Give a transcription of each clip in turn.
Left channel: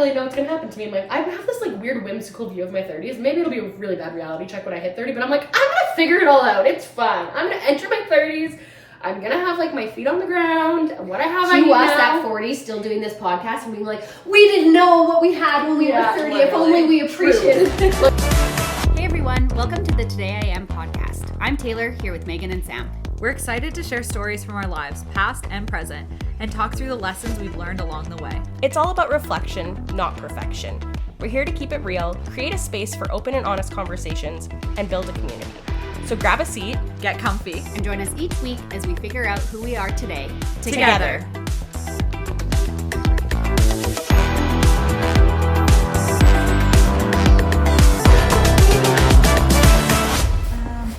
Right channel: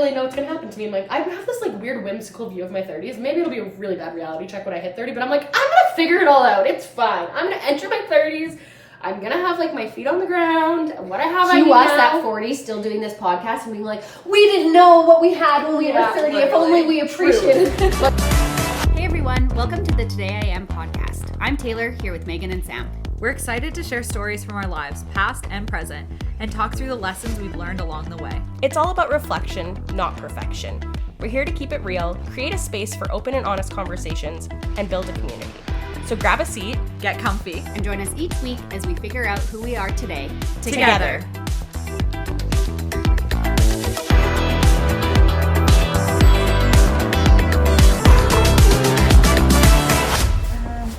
really know what's gonna happen to me. I'm like, I have this like weird whimsical view of my 30s. Maybe it'll be a really bad reality check when I hit 30, but I'm like, I'm gonna figure it all out. It's fine. I'm gonna enter my 30s. I'm gonna have like my feet on the ground. What I have, I need us now. at 40 still doing this podcast and being like, we didn't know what we had when we were 30. If only we appreciated it. Hey everyone, welcome to the Today I Am podcast. I'm Taylor, here with Megan and Sam. We're excited to share stories from our lives, past and present, and talk through the lessons we've learned along the way. It's all about reflection, not perfection. We're here to keep it real, create a space for open and honest conversations, and build a community. So grab a seat, get comfy, and join us each week as we figure out who we are today together.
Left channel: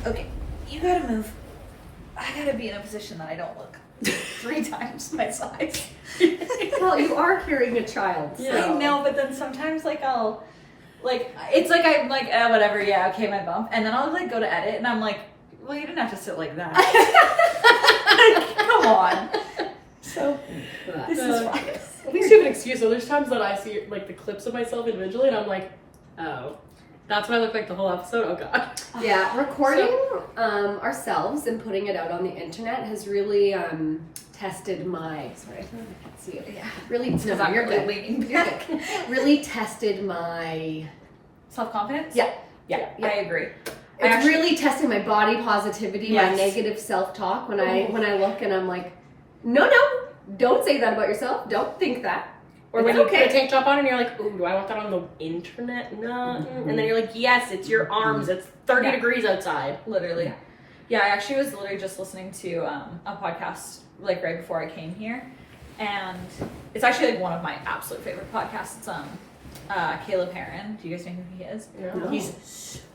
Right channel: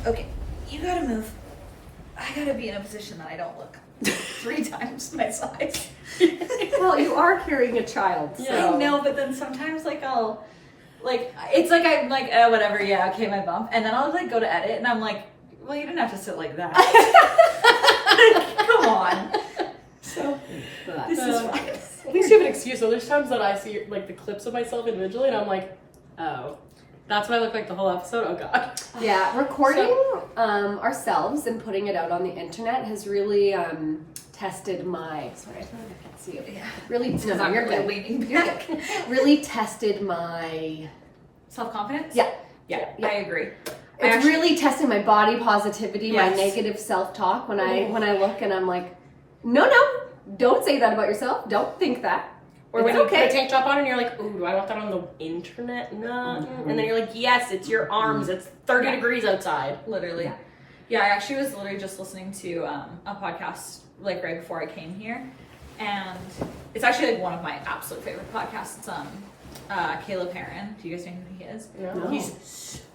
Okay, you gotta move. I gotta be in a position that I don't look 3 times my size. Well, you are carrying a child. So. I know, but then sometimes I'll it's like I'm like, oh, whatever, yeah, okay, my bump, and then I'll go to edit, and I'm like, well, you didn't have to sit like that. Come on. So this is fine. At least you have an excuse. So there's times that I see like the clips of myself individually, and I'm like, oh, that's what I look like the whole episode. Oh god. Yeah, recording ourselves and putting it out on the internet has really tested my. Sorry, I can't see it. Yeah. Really, Because I'm really leaning back. Really tested my Self-confidence. Yeah. I agree. It's really testing my body positivity, Yes. my negative self-talk when I look and I'm like, no, don't say that about yourself. Don't think that. Or when you put a tank top on and you're like, ooh, do I want that on the internet? No. Mm-hmm. And then you're like, yes, it's your arms. It's 30 degrees outside. Literally. Yeah, I actually was literally just listening to a podcast right before I came here. And it's actually one of my absolute favorite podcasts. It's Caleb Heron. Do you guys know who he is? No. He's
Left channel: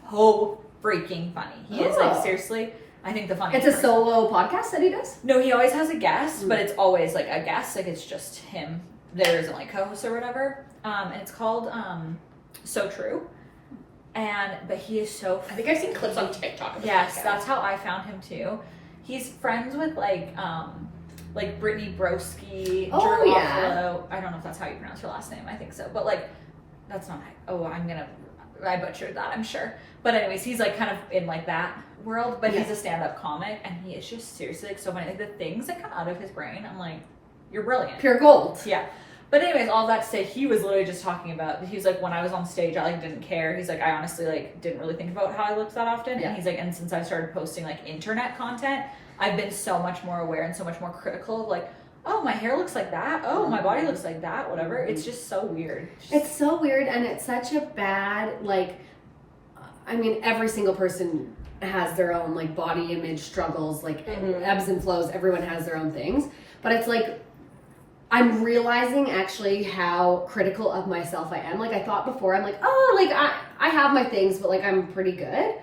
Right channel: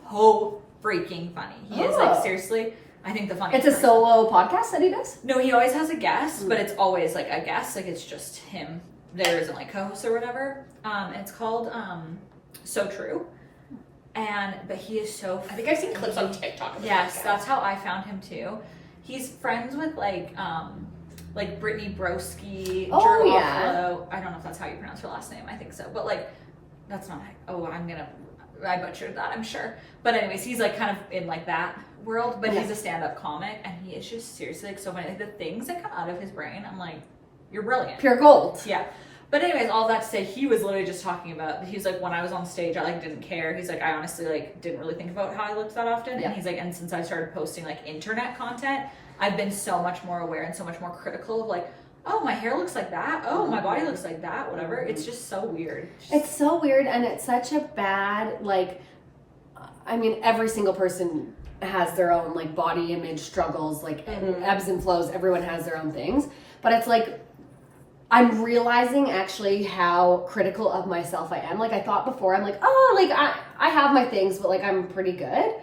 so freaking funny. He is seriously, I think the funniest. It's a solo podcast that he does? No, he always has a guest, but it's always a guest. It's just him. There isn't co-hosts or whatever. And it's called So True. But he is so I think I've seen clips on TikTok of his Yes, podcast. that's how I found him too. He's friends with Brittany Broski, Oh, Drew yeah. Offalo. I don't know if that's how you pronounce her last name. I think so. But that's not I butchered that, I'm sure. But anyways, he's kind of in that world, but he's a stand-up comic, and he is just seriously so funny. The things that come out of his brain, I'm like, you're brilliant. Pure gold. Yeah. But anyways, all that to say, he was literally just talking about, he's when I was on stage, I didn't care. He's I honestly didn't really think about how I looked that often. Yeah. And he's and since I started posting internet content, I've been so much more aware and so much more critical of oh, my hair looks like that. Oh, my body looks like that. Whatever. It's just so weird. It's so weird, and it's such a bad, every single person has their own, body image struggles, ebbs and flows. Everyone has their own things. But it's I'm realizing actually how critical of myself I am. I thought before, I'm I have my things, but I'm pretty good.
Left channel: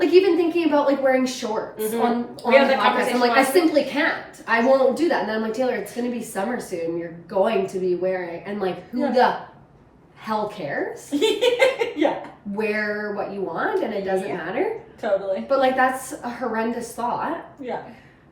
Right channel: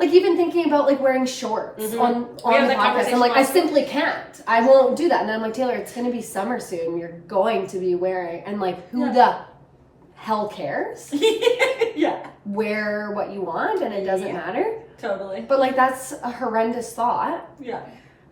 Even thinking about wearing shorts on the podcast, I'm I simply can't. I won't do that. And then I'm Taylor, it's going to be summer soon. You're going to be wearing, and who the hell cares? Yeah. Wear what you want, and it doesn't matter. Totally. But that's a horrendous thought. Yeah.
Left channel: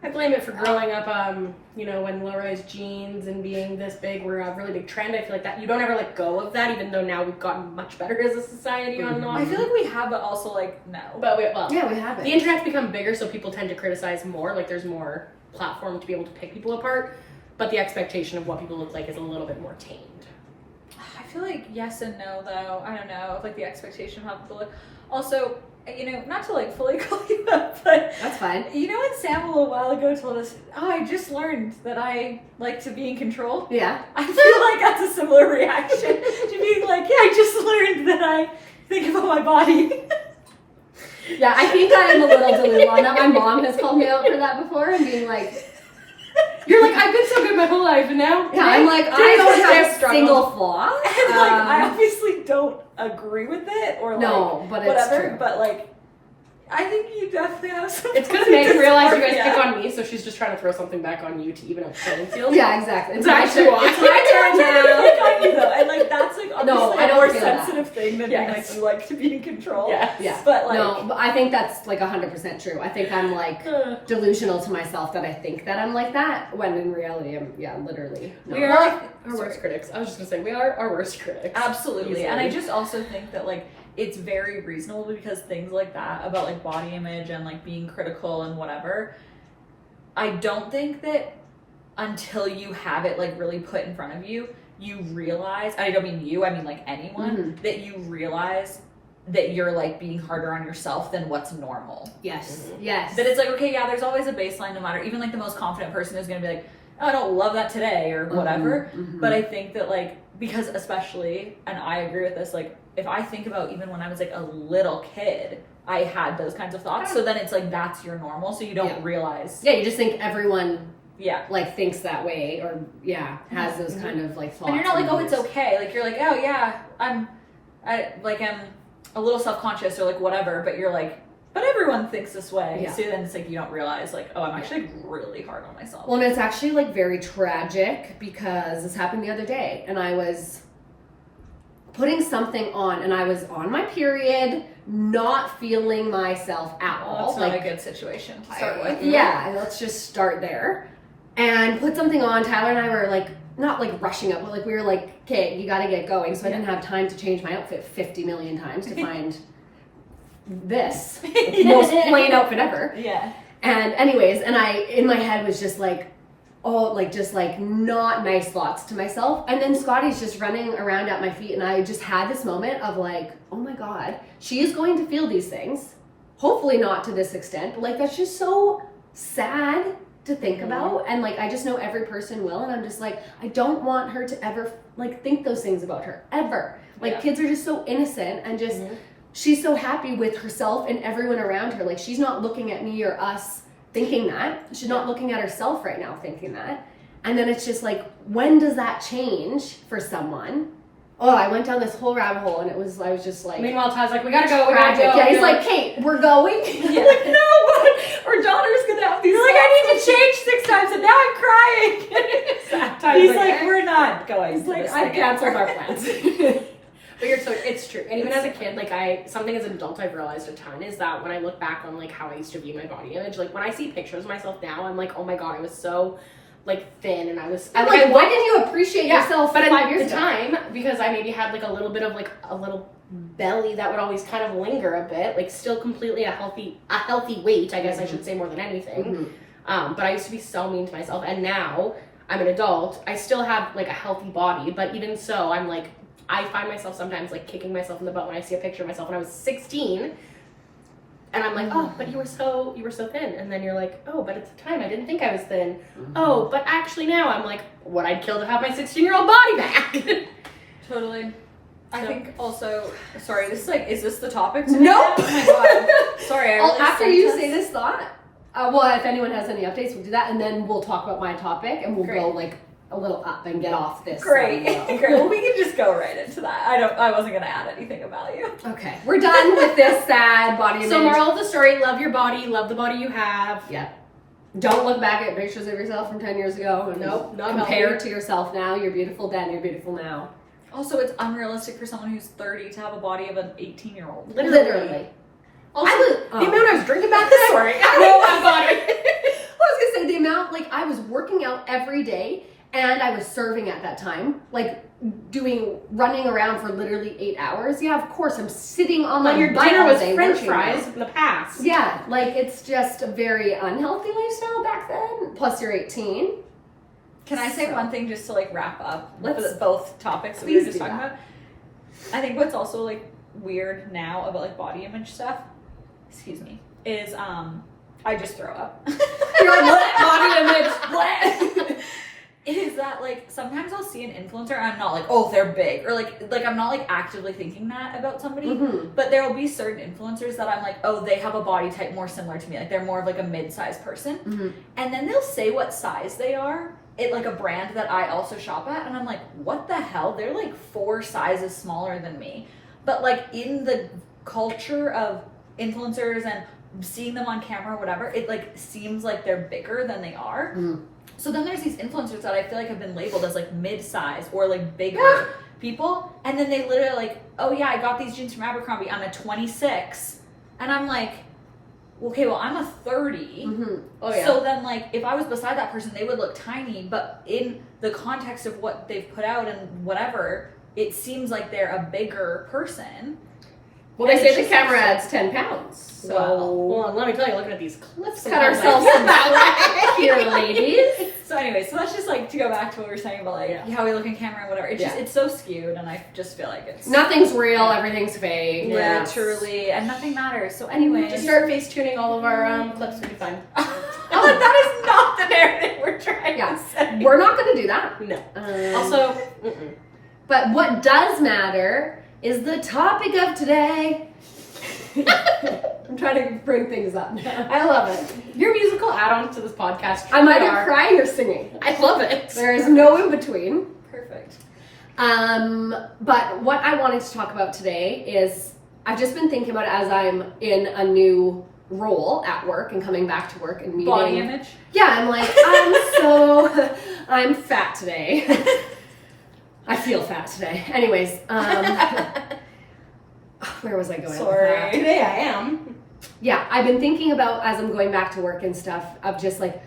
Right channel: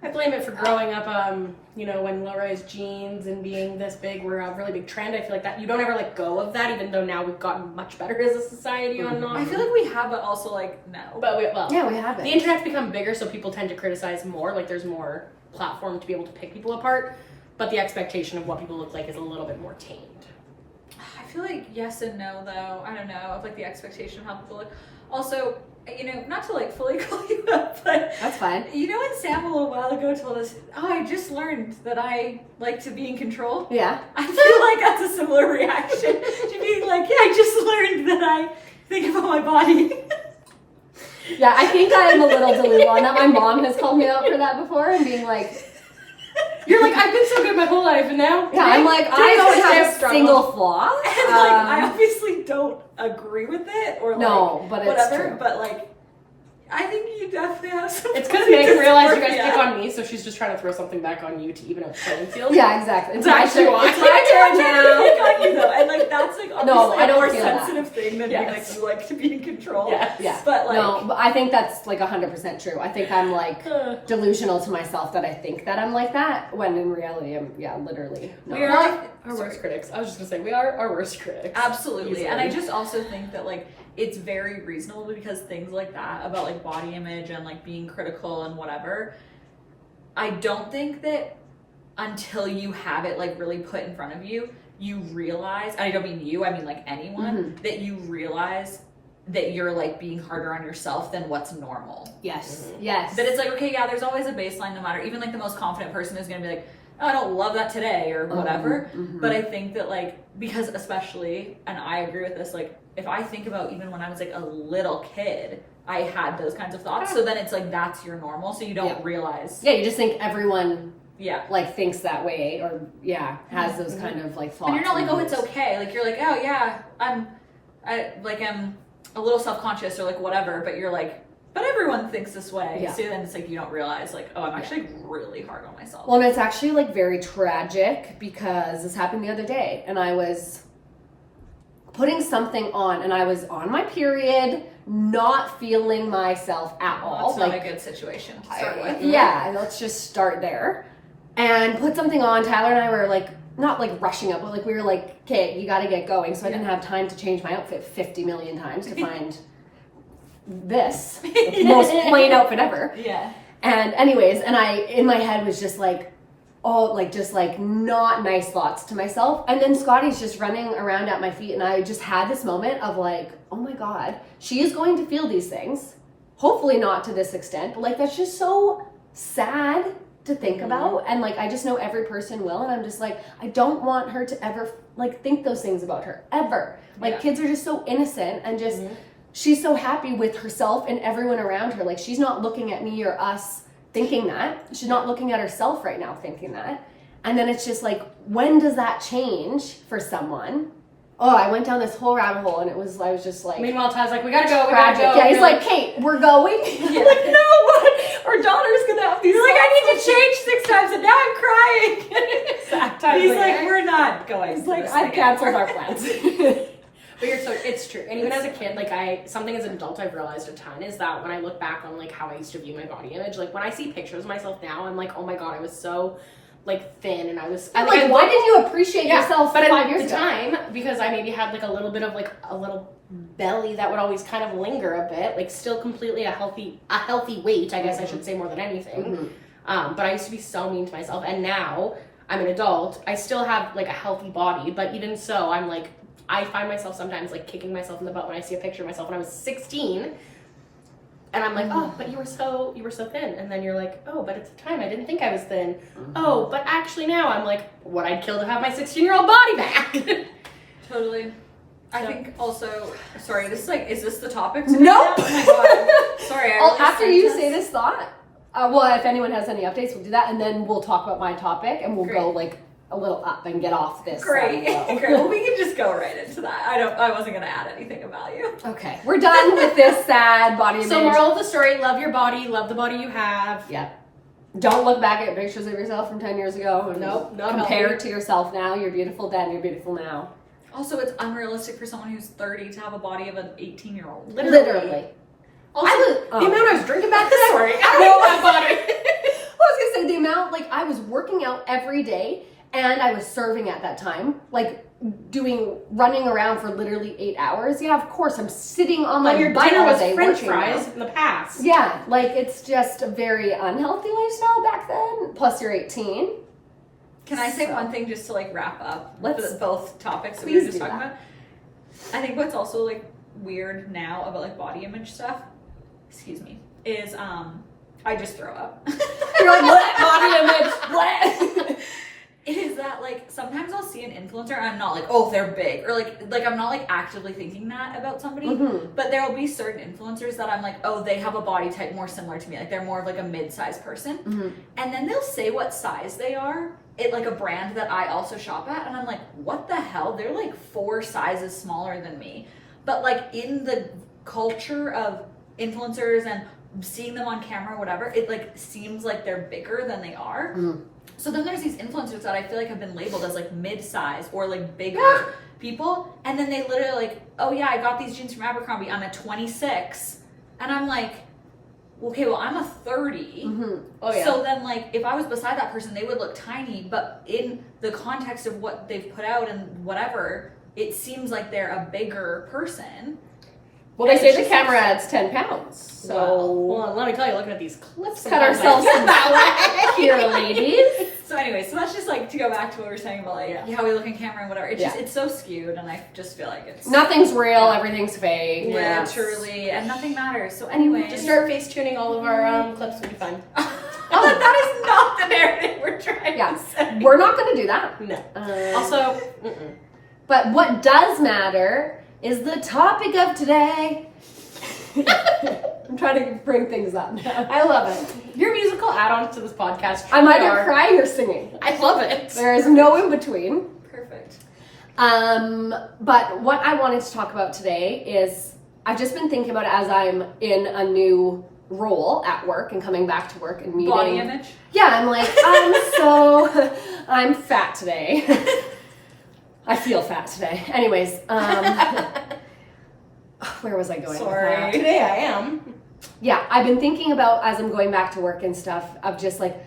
I blame it for growing up, when low-rise jeans and being this big were a really big trend. I feel that you don't ever let go of that, even though now we've gotten much better as a society on not. I feel we have, but also no. But we have it. The internet's become bigger, so people tend to criticize more. There's more platform to be able to pick people apart, but the expectation of what people look like is a little bit more tamed. I feel yes and no, though. I don't know, of the expectation of how people look. Also, not to fully call you up, but that's fine. When Sam a little while ago told us, I just learned that I like to be in control. Yeah. I feel that's a similar reaction to being I just learned that I think about my body. Yeah, I think I am a little delulu on that. My mom has called me out for that before and being you're I've been so good my whole life, and now I'm I don't have a single flaw. And I obviously don't agree with it or no, but whatever. It's true. But I think you definitely have some. It's because Megan realized you guys pick on me, so she's just trying to throw something back on you to even out the playing field. Yeah, exactly. It's actually why. It's my turn to pick on you though, and that's obviously I a don't more feel that. sensitive thing than being like, you like to be in control. Yes. Yeah. But like, No, but I think that's like 100% true. I think I'm like delusional to myself that I think that I'm like that, when in reality I'm, literally not. We are our worst critics. I was just gonna say, we are our worst critics. absolutely. Easily. And I just also think that like, it's very reasonable because things like that about like body image and like being critical and whatever, I don't think that until you have it like really put in front of you, you realize, I don't mean you, I mean like anyone, that you realize that you're like being harder on yourself than what's normal. Yes. Yes. That it's like, okay, yeah, there's always a baseline no matter, even like the most confident person is going to be like, oh, I don't love that today or whatever. But I think that like, because especially, and I agree with this, like if I think about even when I was like a little kid, I had those kinds of thoughts. So then it's like, that's your normal. So you don't realize. Yeah, you just think everyone Yeah. like thinks that way, or has those kind of like thoughts. And you're not like, oh, it's moods. okay. Like you're like, oh yeah, I'm a little self-conscious or like whatever, but you're like, but everyone thinks this way. Yeah. So then it's like you don't realize like, oh, I'm actually really hard on myself. Well, and it's actually like very tragic because this happened the other day, and I was putting something on, and I was on my period, not feeling myself at all. That's not like, a good situation to start with. Yeah, let's just start there. And put something on. Tyler and I were like, not like rushing up, but like we were like, okay, you gotta get going. So I didn't have time to change my outfit 50 million times to find this, the most plain outfit ever. Yeah. And anyways, and I, in my head was just like, oh, like just like not nice thoughts to myself. And then Scotty's just running around at my feet, and I just had this moment of like, oh my God, she is going to feel these things. Hopefully not to this extent, but like that's just so sad to think about. And like I just know every person will, and I'm just like, I don't want her to ever like think those things about her ever. Like kids are just so innocent, and just she's so happy with herself and everyone around her. Like she's not looking at me or us thinking that. She's not looking at herself right now thinking that. And then it's just like, when does that change for someone? Oh, I went down this whole rabbit hole, and I was just like, Meanwhile, Ty's like, we gotta go, we gotta tragic. go. Yeah, he's like, Kate, we're going. Yeah. Like, no, what? Our daughter's gonna have these. You're like, I need to change 6 times, and now I'm crying. Ty's He's like, like, we're not going. He's to like, this I've thing canceled anymore. our plans. But it's true. And even as a kid, like something as an adult I've realized a ton is that when I look back on like how I used to view my body image, like when I see pictures of myself now, I'm like, oh my God, I was so like thin, and I was I'm like, why didn't you appreciate yourself but 5 years at the ago? time, because I maybe had like a little bit of like a little belly that would always kind of linger a bit, like still completely a healthy weight, I guess I should say, more than anything. But I used to be so mean to myself, and now I'm an adult, I still have like a healthy body, but even so, I'm like, I find myself sometimes like kicking myself in the butt when I see a picture of myself when I was 16, and I'm like, oh, but you were so thin, and then you're like, oh, but at the time I didn't think I was thin. Oh, but actually now I'm like, what I'd kill to have my 16-year-old body back. Totally. I So- think also, sorry, this is like, is this the topic today? Nope. Oh my God. Sorry. I really After sent you this. say this thought, well, if anyone has any updates, we'll do that, and then we'll talk about my topic, and we'll go like a little up and get off this. Great. side low. Great. Well, we can just go right into that. I wasn't gonna add anything about you. Okay, we're done with this sad body image. So moral of the story, love your body, love the body you have. Yeah. Don't look back at pictures of yourself from 10 years ago. And Nope, not compare healthy. to yourself now. You're beautiful then. You're beautiful now. Also, it's unrealistic for someone who's 30 to have a body of an 18-year-old. Literally. Also, I was- the amount I was drinking back then. Sorry. I don't know that body. Well, I was gonna say the amount, like I was working out every day, and I was serving at that time, like running around for literally 8 hours. Yeah, of course, I'm sitting on my When your butt dinner all was day French working fries out. in the past. Yeah, like it's just a very unhealthy lifestyle back then. Plus, you're 18. Can I say So- one thing just to like wrap up Let's- both topics that we were please just do talking that. about? I think what's also like weird now about like body image stuff, excuse me, is I just throw up. You're like, what? Body image? What? Is that like sometimes I'll see an influencer and I'm not like, oh, they're big, or like I'm not like actively thinking that about somebody, but there will be certain influencers that I'm like, oh, they have a body type more similar to me, like they're more of like a mid-sized person, and then they'll say what size they are at like a brand that I also shop at, and I'm like, what the hell? They're like 4 sizes smaller than me, but like in the culture of influencers and seeing them on camera or whatever, it like seems like they're bigger than they are. So then there's these influencers that I feel like have been labeled as like mid-size or like bigger people, and then they literally like, oh yeah, I got these jeans from Abercrombie. I'm a 26, and I'm like, okay, well I'm a 30. Oh yeah. So then like if I was beside that person, they would look tiny, but in the context of what they've put out and whatever, it seems like they're a bigger person. Well, they And say it's the just camera like- adds 10 pounds. So Well, let me tell you, looking at these clips, cut sometimes I ourselves feel some that slack here, ladies. So anyway, so that's just like to go back to what we were saying about like how we look in camera and whatever. It's just it's so skewed, and I just feel like it's Nothing's real, everything's fake. Yeah. truly, and nothing matters. So anyway, Just start face tuning all of our clips, will be fine. that is not the narrative we're trying Yeah. to say. We're not going to do that. No. Also, But what does matter is the topic of today. I'm trying to bring things up now. I love it. Your musical add-ons to this podcast. I'm either are- crying or singing. I love it. There is no in between. Perfect. But what I wanted to talk about today is I've just been thinking about it as I'm in a new role at work and coming back to work and meeting. Body image. Yeah, I'm like, I'm fat today. I feel fat today. Anyways, where was I going? with Sorry. that? Today I am. Yeah, I've been thinking about as I'm going back to work and stuff of just like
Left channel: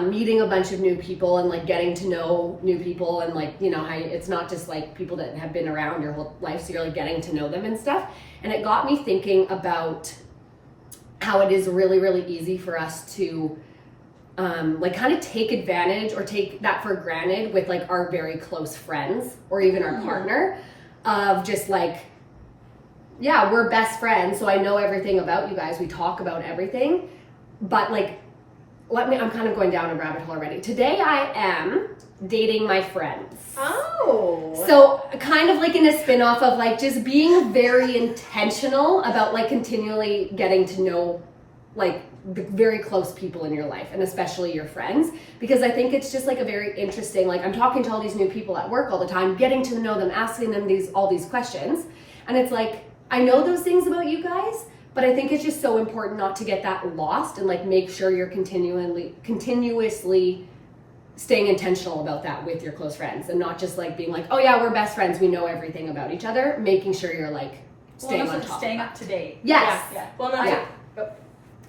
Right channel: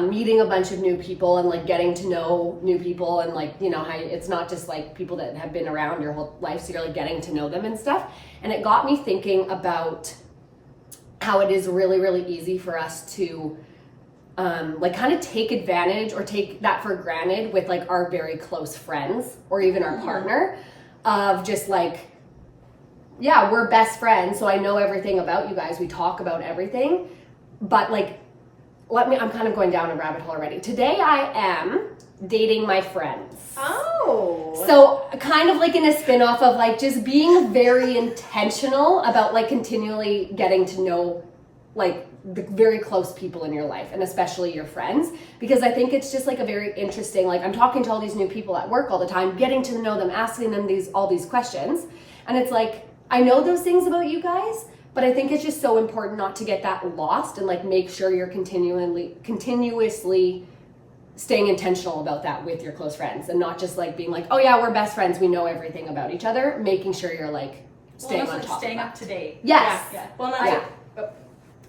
meeting a bunch of new people and like getting to know new people and like, you know, how it's not just like people that have been around your whole life, so you're like getting to know them and stuff. And it got me thinking about how it is really, really easy for us to like kind of take advantage or take that for granted with like our very close friends or even our partner of just like, yeah, we're best friends, so I know everything about you guys. We talk about everything. But like, I'm kind of going down a rabbit hole already. Today I am dating my friends. Oh. So kind of like in a spin-off of like just being very intentional about like continually getting to know like the very close people in your life and especially your friends, because I think it's just like a very interesting, like I'm talking to all these new people at work all the time, getting to know them, asking them all these questions, and it's like I know those things about you guys, but I think it's just so important not to get that lost and like make sure you're continuously staying intentional about that with your close friends and not just like being like, oh yeah, we're best friends, we know everything about each other, making sure you're like staying on top staying of up to date. Yes. Yeah. Well, no,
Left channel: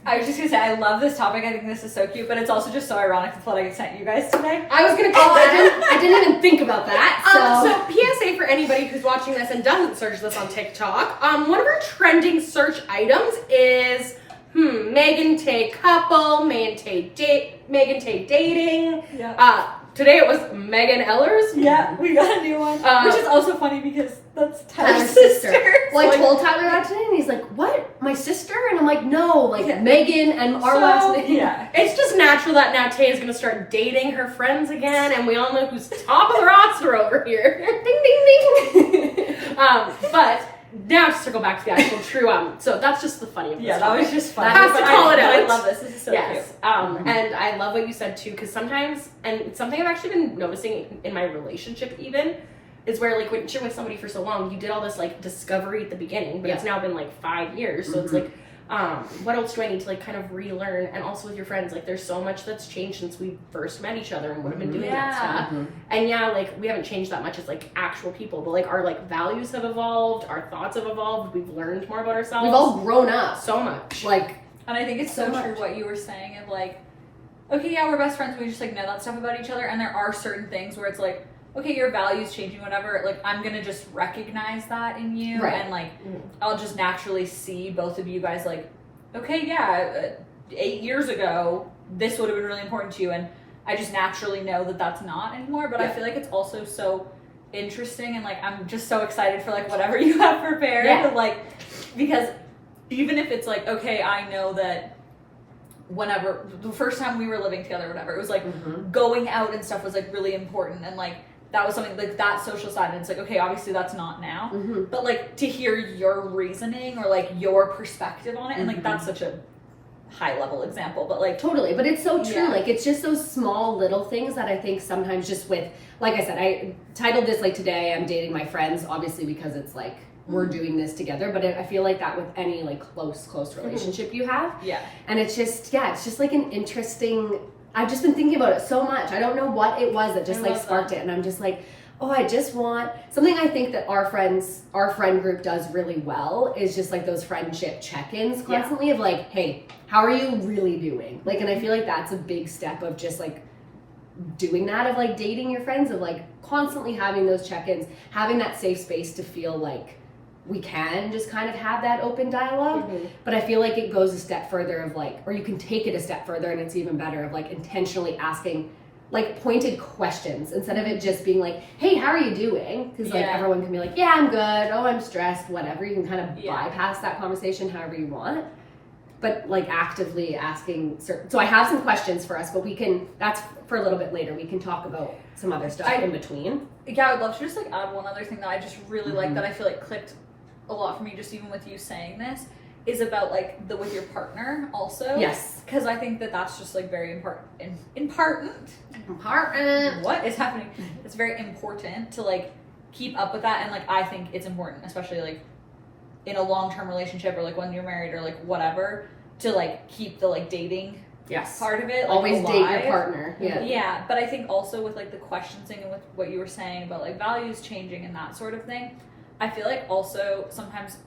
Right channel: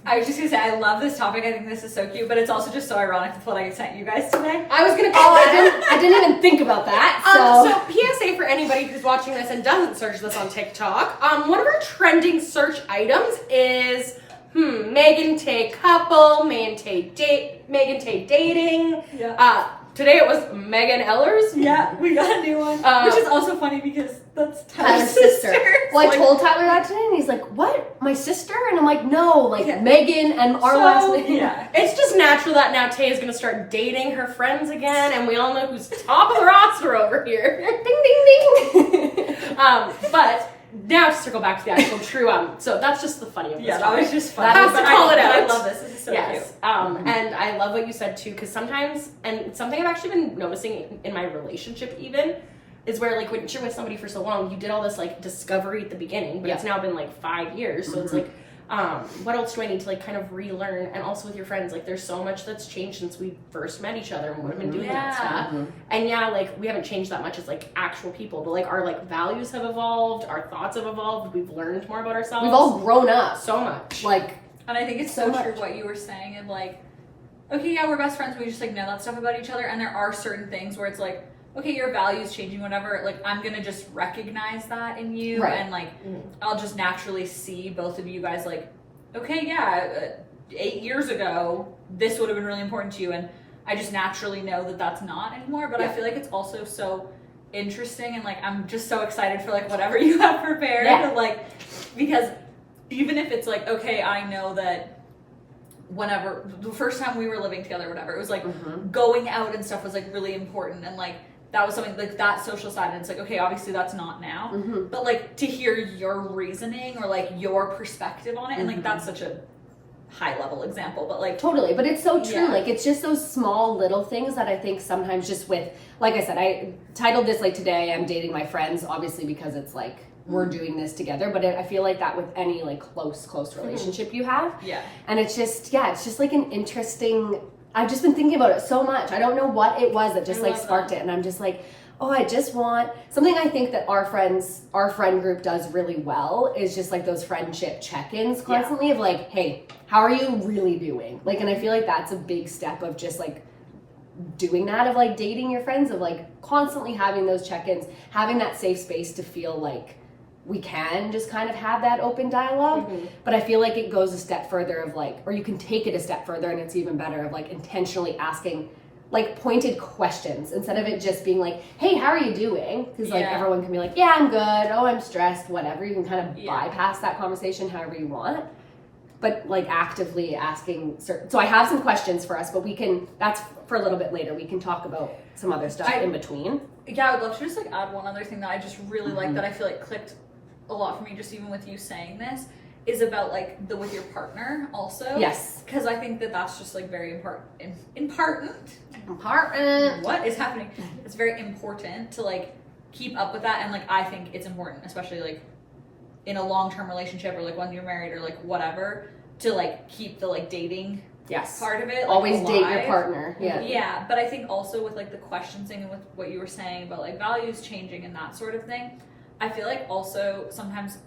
I was just gonna say I love this topic. I think this is so cute, but it's also just so ironic with what I sent you guys today. I was gonna call that. I didn't even think about that. So PSA for anybody who's watching this and doesn't search this on TikTok. One of our trending search items is Megan Tay couple, Megan Tay dating. Yeah. Today it was Megan Ellers. Yeah, we got a new one, which is also funny because that's Tyler's Tyler's sister. Well, I told Tyler that today, and he's like, "What? My sister?" And I'm like, "No, like Megan and our last name." Yeah. It's just natural that now Tay is gonna start dating her friends again, and we all know who's top of the roster over here. Ding ding ding. But now to circle back to the actual true. So that's just the funny of this. Yeah, that was just fun. Has to call it out. I love this. This is so Yes. cute. And I love what you said too, because sometimes, and it's something I've actually been noticing in my relationship even, is where like when you're with somebody for so long, you did all this like discovery at the beginning, but it's now been like 5 years. So it's like, what else do I need to like kind of relearn? And also with your friends, like there's so much that's changed since we first met each other and would have been doing that stuff. And yeah, like we haven't changed that much as like actual people, but like our like values have evolved, our thoughts have evolved, we've learned more about ourselves. We've all grown up so much. Like, And I think it's so true what you were saying of like, okay, yeah, we're best friends. We just like know that stuff about each other. And there are certain things where it's like, okay, your values changing, whatever. Like I'm gonna just recognize that in you, Right. and like I'll just naturally see both of you guys like, okay, yeah, 8 years ago this would have been really important to you, and I just naturally know that that's not anymore. But I feel like it's also so interesting, and like I'm just so excited for like whatever you have prepared, and, like because even if it's like, okay, I know that whenever the first time we were living together, whatever, it was like going out and stuff was like really important, and like that was something like that social side, and it's like, okay, obviously that's not now, but like to hear your reasoning or like your perspective on it, and like that's such a high level example, but like totally, but it's so true. Yeah. Like it's just those small little things that I think sometimes just with, like I said, I titled this like today I'm dating my friends, obviously because it's like we're doing this together, but I feel like that with any like close relationship you have. And it's just it's just like an interesting, I've just been thinking about it so much. I don't know what it was that just like sparked it, and I'm just like, oh, I just want something. I think that our friend group does really well is just like those friendship check-ins constantly of like, hey, how are you really doing? Like, and I feel like that's a big step of just like doing that, of like dating your friends, of like constantly having those check-ins, having that safe space to feel like we can just kind of have that open dialogue. But I feel like it goes a step further of like, or you can take it a step further and it's even better of like intentionally asking like pointed questions instead of it just being like, hey, how are you doing? Because like everyone can be like, yeah, I'm good, oh, I'm stressed, whatever. You can kind of bypass that conversation however you want, but like actively asking so I have some questions for us, but we can, that's for a little bit later. We can talk about some other stuff in between. Yeah, I would love to just like add one other thing that I just really like that I feel like clicked a lot for me just even with you saying this, is about like the with your partner also. Yes. Because I think that that's just like very important. What is happening? It's very important to like keep up with that, and like I think it's important, especially like in a long-term relationship or like when you're married or like whatever, to like keep the like dating part of it. Like, always alive. date your partner. Yeah, but I think also with like the questions thing and with what you were saying about like values changing and that sort of thing, I feel like also sometimes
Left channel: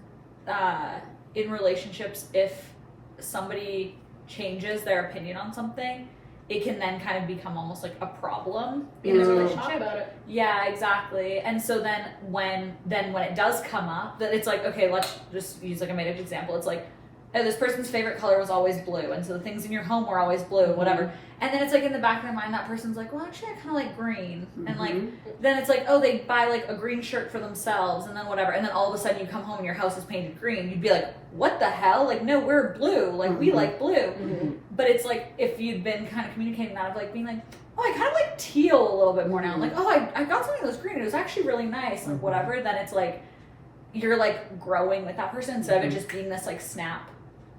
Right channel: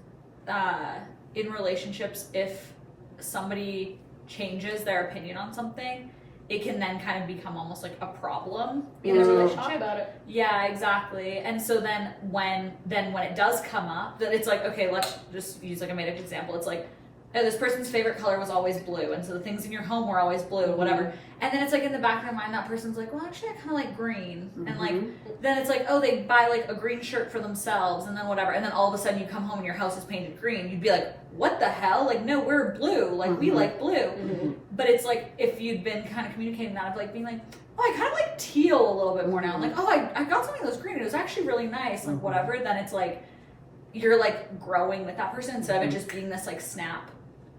in relationships, if somebody changes their opinion on something, it can then kind of become almost like a problem in a relationship. Talk about it. Yeah, exactly. And so then when it does come up, that it's like, okay, let's just use like a made up example. It's like, oh, this person's favorite color was always blue, and so the things in your home were always blue, whatever. And then it's like in the back of their mind, that person's like, well, actually, I kind of like green. And like, then it's like, oh, they buy like a green shirt for themselves, and then whatever. And then all of a sudden you come home and your house is painted green. You'd be like, what the hell? Like, no, we're blue. Like, we like blue. But it's like, if you'd been kind of communicating that of like being like, oh, I kind of like teal a little bit more now. Like, oh, I got something that was green. It was actually really nice. Like, whatever. Then it's like, you're like growing with that person instead of it just being this like snap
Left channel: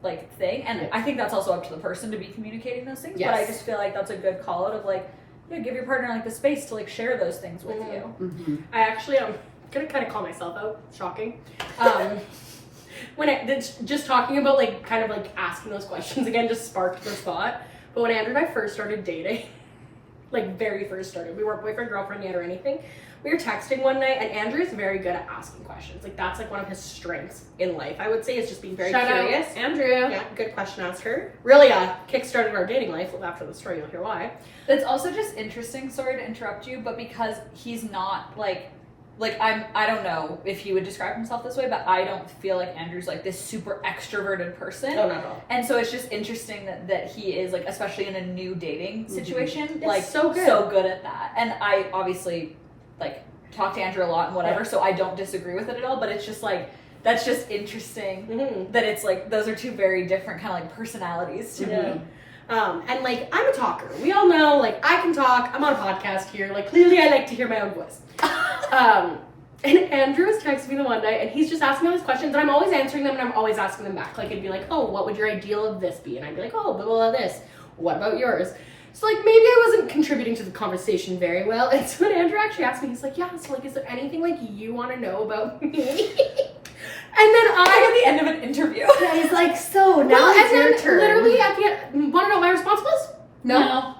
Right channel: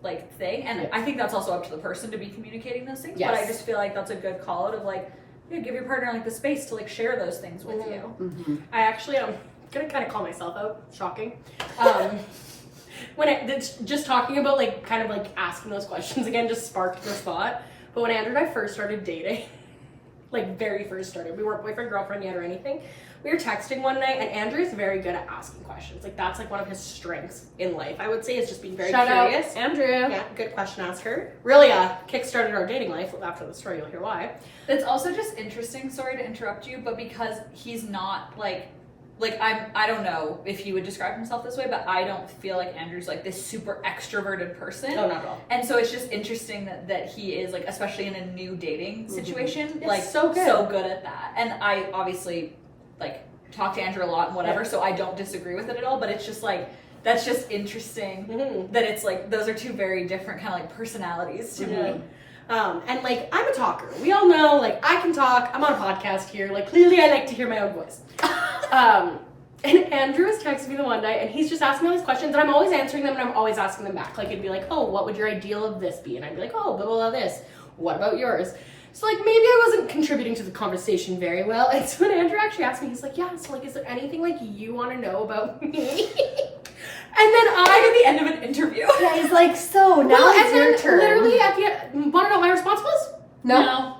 like thing. And I think that's also up to the person to be communicating those things, but I just feel like that's a good call out of like, give your partner like the space to like share those things with you. I actually am gonna kind of call myself out, shocking, when just talking about like kind of like asking those questions again just sparked the thought. But when Andrew and I first started dating, like very first started, we weren't boyfriend girlfriend yet or anything, we were texting one night, and Andrew's very good at asking questions. Like, that's like one of his strengths in life, I would say, is just being very curious. Out, Andrew. Yeah, good question asker. Really kickstarted our dating life. After the story, you'll hear why. It's also just interesting, sorry to interrupt you, but because he's not like I don't know if he would describe himself this way, but I don't feel like Andrew's like this super extroverted person. Oh, not at all. And so it's just interesting that he is like, especially in a new dating situation, like so good at that. And I obviously like talk to Andrew a lot and whatever, so I don't disagree with it at all, but it's just like, that's just interesting that it's like, those are two very different kind of like personalities to me. And like, I'm a talker. We all know, like, I can talk. I'm on a podcast here. Like, clearly I like to hear my own voice. And Andrew was texting me the one night, and he's just asking all these questions, and I'm always answering them, and I'm always asking them back. Like, it'd be like, oh, what would your ideal of this be? And I'd be like, oh, blah, blah, blah, this. What about yours? So, like, maybe I wasn't contributing to the conversation very well. And so when Andrew actually asked me, he's like, yeah, so, like, is there anything, like, you want to know about me? And then at the end of an interview. Yeah, he's like, so now it's your turn. Literally at the end, want to know what my response was? No.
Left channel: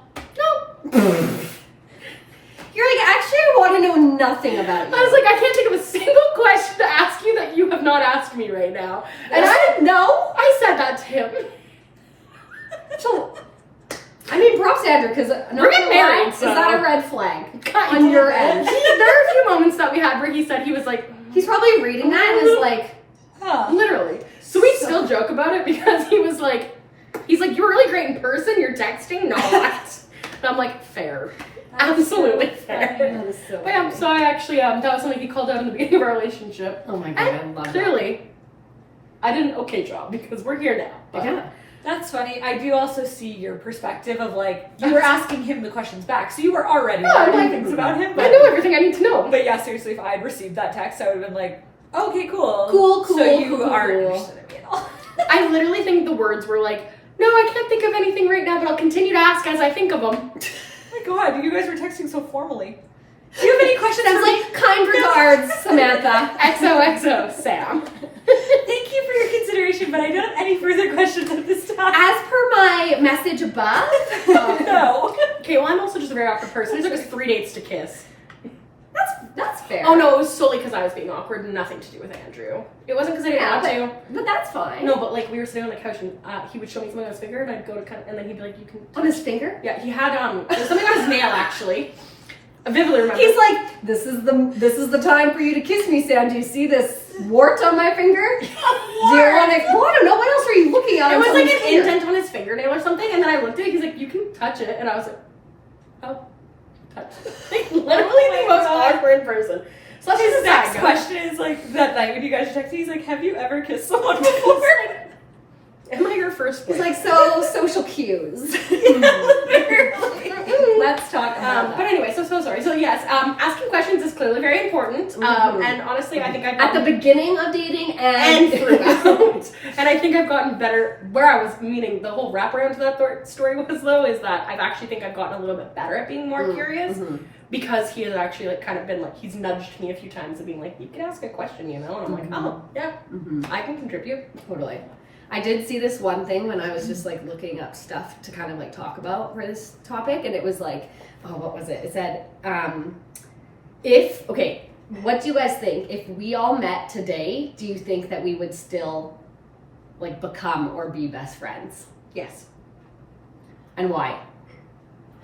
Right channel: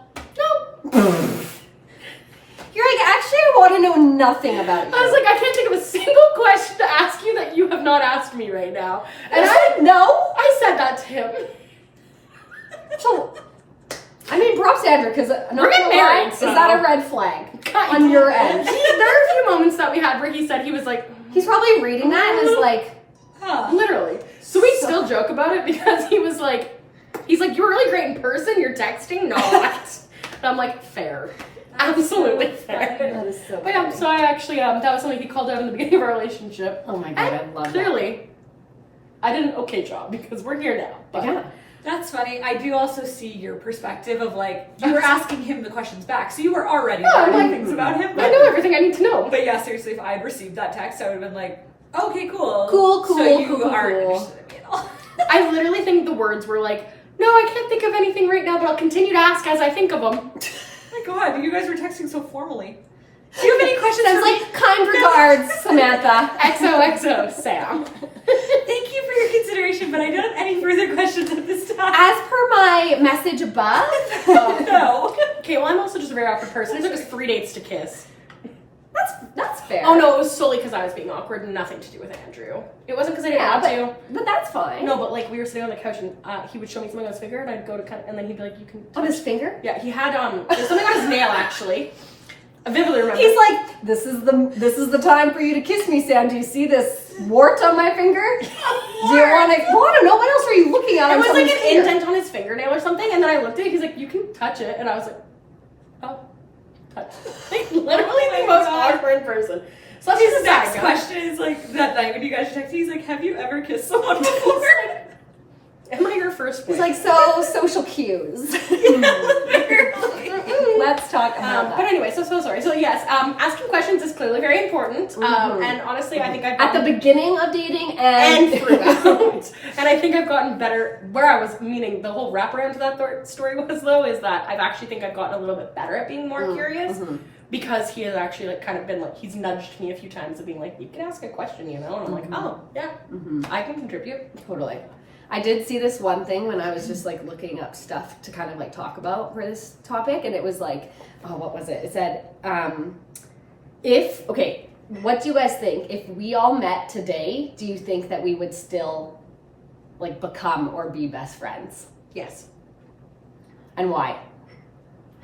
You're like, actually, I want to know nothing about you. I was like, I can't think of a single question to ask you that you have not asked me right now. And I said that to him. So, I mean, props to Andrew, because we're getting married, so. Is that a red flag on your end? There are a few moments that we had where he said he was like, he's probably reading that and is like, literally. So we still joke about it because he's like, you're really great in person, you're texting, not. And I'm like, fair. Absolutely fair. That is so but yeah, so I actually, that was something he called out in the beginning of our relationship. Oh my god, and I love clearly, I did an okay job because we're here now. But yeah. That's funny. I do also see your perspective of like, you were asking him the questions back, so you were already learning things about him. I know everything I need to know. But yeah, seriously, if I had received that text, I would have been like, okay, cool. Cool. So you aren't interested in me at all. I literally think the words were like, no, I can't think of anything right now, but I'll continue to ask as I think of them. Oh my god, you guys were texting so formally. Do you have any questions? Sounds like kind regards, Samantha. XOXO, Sam. Thank you for your consideration, but I don't have any further questions at this time. As per my message above. No. Okay, well, I'm also just a very awkward person. It took us 3 dates to kiss. That's fair. Oh no, it was solely because I was being awkward. Nothing to do with Andrew. It wasn't because I didn't want to. But that's fine. No, but like we were sitting on the couch and he would show me something on his finger and I'd go to cut and then he'd be like, "You can." On his finger? Yeah, he had there's something on his nail actually. I vividly remember. He's like, this is the time for you to kiss me, Sam. Do you see this wart on my finger? Do you want to? Well, I don't know. What else were you looking at? It was like an finger? indent on his fingernail or something, and then I looked at it. He's like, "You can touch it," and I was like, "Oh, touch." Like literally the most awkward person. So that's His the next question is like that night when you guys were texting. He's like, "Have you ever kissed someone before?" Am I your first He's boyfriend? like, so social cues. Let's talk about But that. anyway, so sorry. So yes, asking questions is clearly very important. And honestly, I think I've At the gotten beginning of dating and throughout. And I think I've gotten better. Where I was meaning the whole wraparound to that story was though is that I actually think I've gotten a little bit better at being more curious because he has actually like kind of been like he's nudged me a few times of being like, you can ask a question, you know, and I'm like, oh yeah, I can contribute. Totally. I did see this one thing when I was just like looking up stuff to kind of like talk about for this topic, and it was like, oh, what was it? It said, what do you guys think? If we all met today, do you think that we would still like become or be best friends? Yes. And why?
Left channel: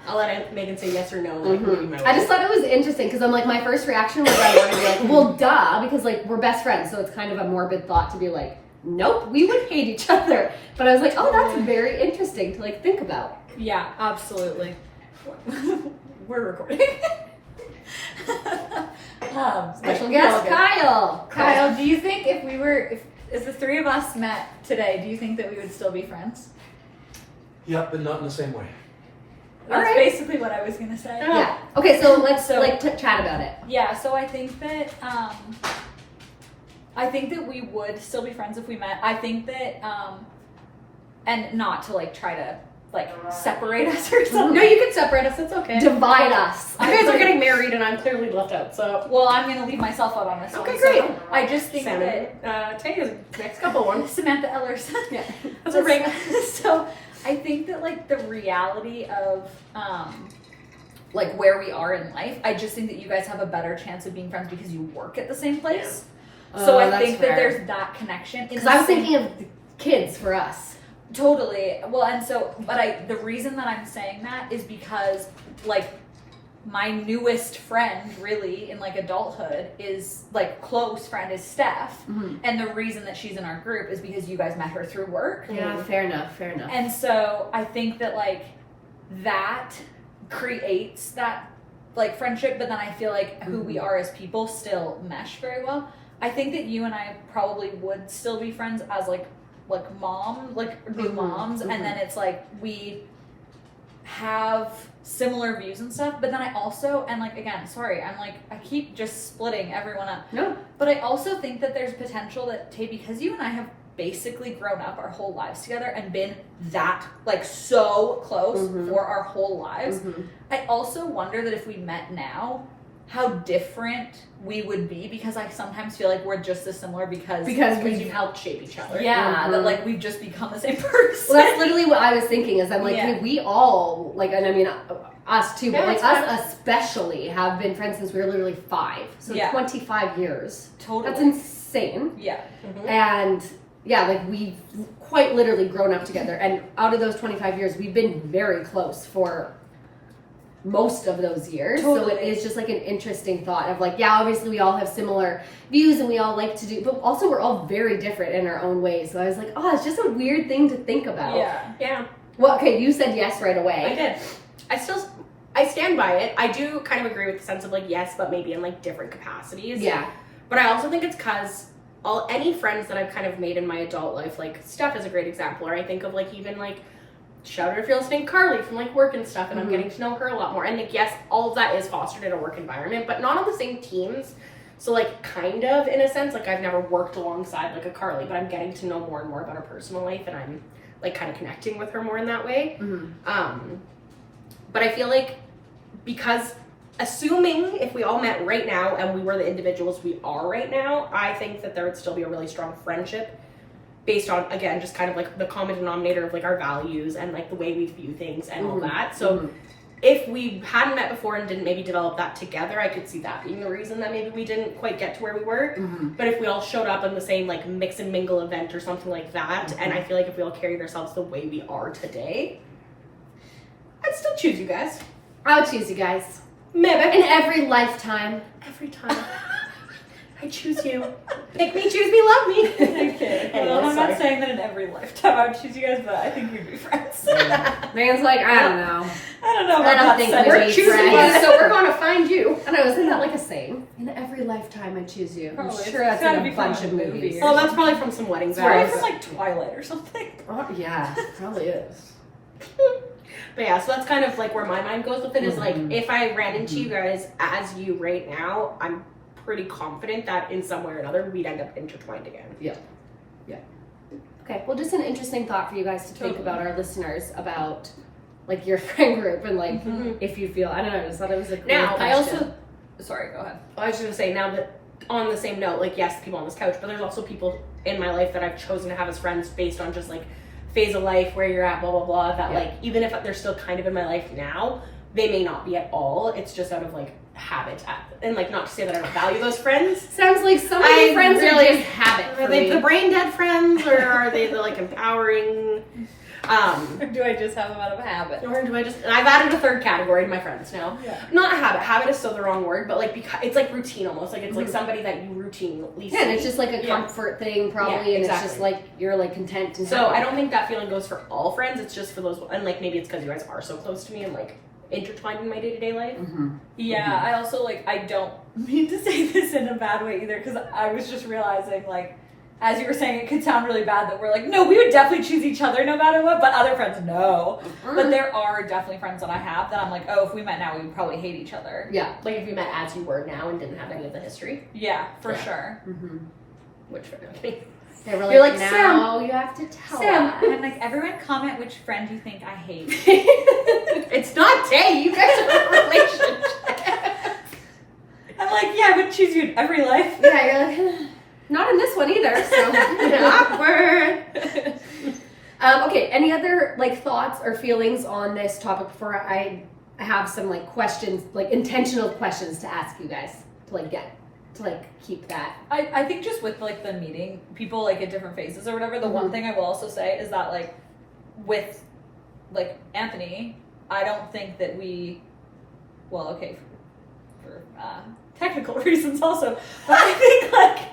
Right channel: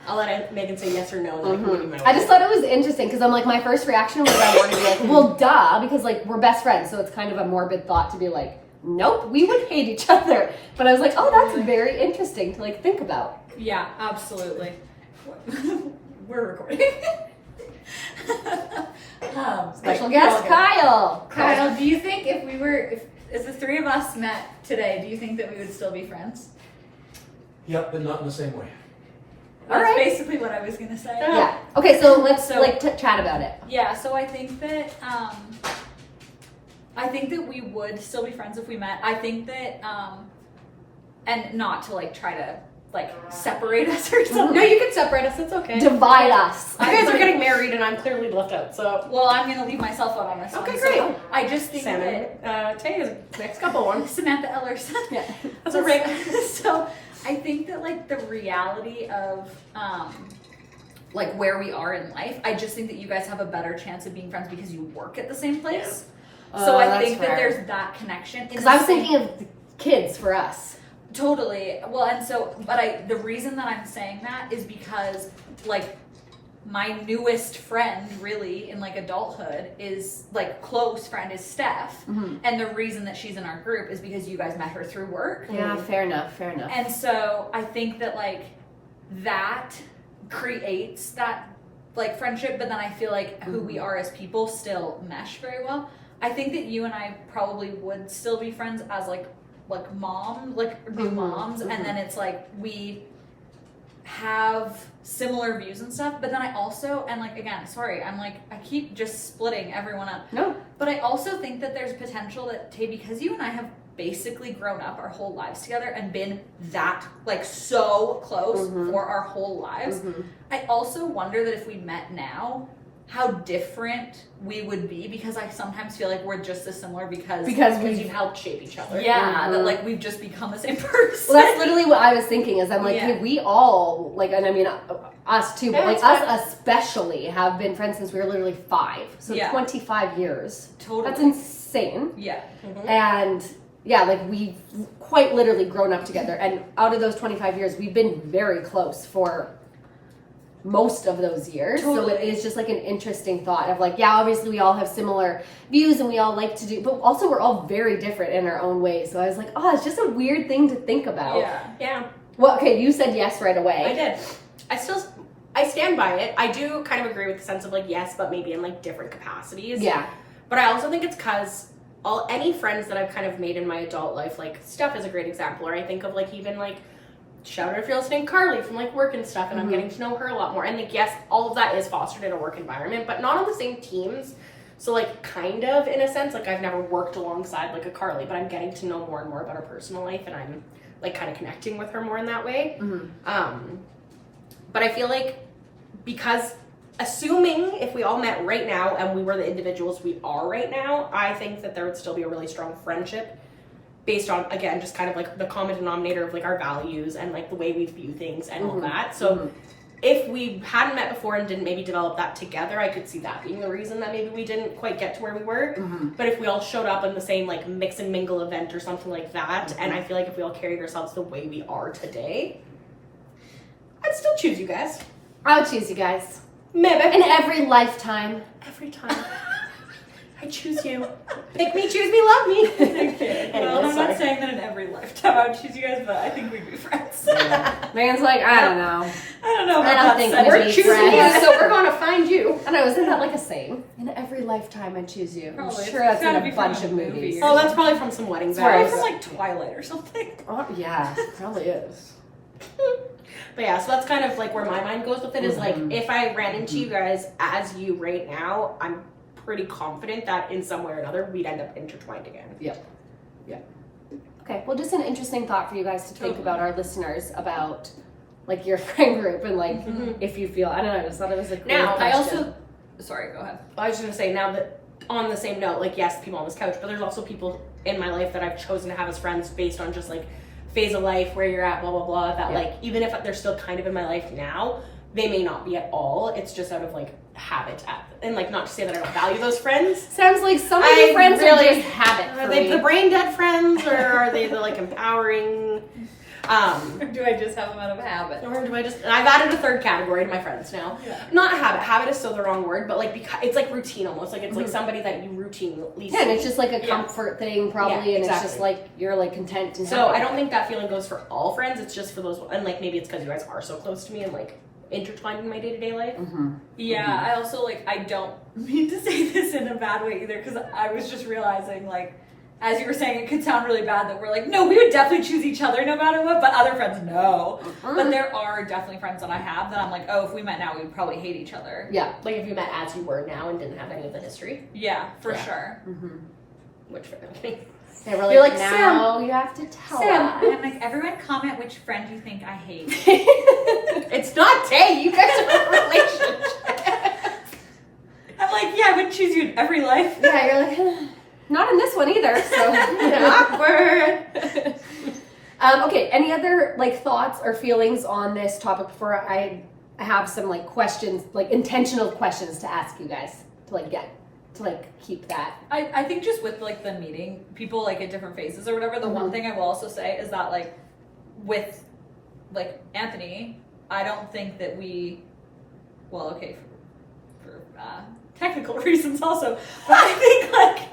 I'll let Megan say yes or no, and then I can give you my I just thought it was interesting because I'm like, my first reaction was I wanted to be like, well, duh, because like we're best friends, so it's kind of a morbid thought to be like, nope, we would hate each other. But I was like, oh, that's very interesting to like think about. Yeah, absolutely. We're recording. Special guest, Kyle. Kyle, do you think if the three of us met today, do you think that we would still be friends? Yeah, but not in the same way. That's Alright. basically what I was gonna say. Yeah. Okay, so let's So- chat about it. Yeah, so I think that we would still be friends if we met. I think that and not to like try to like separate us or something. No, you can separate us. It's okay. Divide us. You guys are getting married, and I'm clearly left out. So Well, I'm gonna leave myself out on this one. okay, so great. I just think Salmon. Tay is next couple one. that Samantha Ellers. Yeah. That's a ring. So I think that like the reality of like where we are in life, I just think that you guys have a better chance of being friends because you work at the same place. So Oh, I that's think fair. that there's that connection. Because I was thinking of the kids for us. Totally. Well, and so, but the reason that I'm saying that is because, like, my newest friend, really, in like adulthood, is like close friend is Steph, and the reason that she's in our group is because you guys met her through work. Yeah, fair enough. And so I think that like that creates that like friendship, but then I feel like who we are as people still mesh very well. I think that you and I probably would still be friends as like mom, like new moms, and then it's like we have similar views and stuff, but then I also, and like again, sorry, I'm like I keep just splitting everyone up. No. But I also think that there's potential that Tay, because you and I have basically grown up our whole lives together and been that like so close for our whole lives, I also wonder that if we met now, how different we would be, because I sometimes feel like we're just as similar because You've helped shape each other. yeah, that like we've just become the same person. Well, that's literally what I was thinking. Is I'm like, Yeah. hey, we all like, and I mean us too, but Yeah, like it's us especially have been friends since we were literally 5. So Yeah. 25 years. Totally. That's insane. Yeah. And yeah, like we've quite literally grown up together, and out of those 25 years, we've been very close for most of those years. Totally. So it is just like an interesting thought of like, yeah, obviously we all have similar views and we all like to do, but also we're all very different in our own ways. So I was like, oh, it's just a weird thing to think about. Yeah. Yeah. Well, okay, you said yes right away. I did. I stand by it. I do kind of agree with the sense of like yes, but maybe in like different capacities. Yeah. But I also think it's because any friends that I've kind of made in my adult life, like Steph is a great example, or I think of like even like shout out if you're listening, Carly from like work and stuff, and I'm getting to know her a lot more. And like yes, all of that is fostered in a work environment, but not on the same teams. So like kind of in a sense, like I've never worked alongside like a Carly, but I'm getting to know more and more about her personal life, and I'm like kind of connecting with her more in that way. But I feel like because assuming if we all met right now and we were the individuals we are right now, I think that there would still be a really strong friendship based on, again, just kind of like the common denominator of like our values and like the way we view things and all that. So if we hadn't met before and didn't maybe develop that together, I could see that being the reason that maybe we didn't quite get to where we were. But if we all showed up in the same like mix and mingle event or something like that, and I feel like if we all carried ourselves the way we are today, I'd still choose you guys. I'll choose you guys. Maybe. In every lifetime. Every time. I choose you. Pick me, choose me, love me. Okay. Well, Anyway, I'm sorry. not saying that in every lifetime I would choose you guys, but I think we'd be friends. Man's like, I don't know. I don't know I about don't that think sentence. we're We're choosing you, friends. so we're gonna find you. I know, isn't that like a saying? In every lifetime I choose you. Probably. I'm sure It's that's gotta in be a from bunch a of movie movies. or Oh, that's probably from some wedding Probably vows. from like Twilight or something. Oh, yeah, probably is. But yeah, so that's kind of like where my mind goes with it is like, if I ran into you guys as you right now, I'm pretty confident that in some way or another we'd end up intertwined again. Okay, well, just an interesting thought for you guys to think about, our listeners, about like your friend group and like if you feel, I don't know, I just thought it was a cool Now, I question. also, Sorry, go ahead. I was just gonna say now that on the same note, like yes, people on this couch, but there's also people in my life that I've chosen to have as friends based on just like phase of life, where you're at, blah, blah, blah, that like, even if they're still kind of in my life now, they may not be at all. It's just out of like habit. And like, not to say that I don't value those friends. Sounds like some of your friends really- are just habit. Are they the brain dead friends or are they the like empowering? Or do I just have them out of habit? Or do I just? I've added a third category to my friends now. Yeah. Not habit. Habit is still the wrong word, but like because it's like routine almost. Like it's like somebody that you routinely see. Yeah, and it's just like a comfort thing probably, Yeah, and exactly. it's just like you're like content and So happy. I don't think that feeling goes for all friends. It's just for those, and like maybe it's because you guys are so close to me and like intertwined in my day-to-day life. Yeah, I also like, I don't mean to say this in a bad way either, because I was just realizing, like, as you were saying, it could sound really bad that we're like, no, we would definitely choose each other no matter what, but other friends, no. But there are definitely friends that I have that I'm like, oh, if we met now, we would probably hate each other. Yeah. Like if you met as you were now and didn't have any of the history. Yeah, for Yeah. sure. Which okay. They were like, You're like, now you have to tell Sam. us. And I'm like, everyone comment which friend you think I hate. It's not Tay. You guys are in a relationship. I'm like, yeah, I would choose you in every life. Yeah, you're like, not in this one either. So Awkward. okay, any other like thoughts or feelings on this topic before I have some like questions, like intentional questions to ask you guys to like get to like keep that. I think just with like the meeting people like at different phases or whatever, the one thing I will also say is that like with like Anthony, I don't think that we, well, okay, for technical reasons also, but I think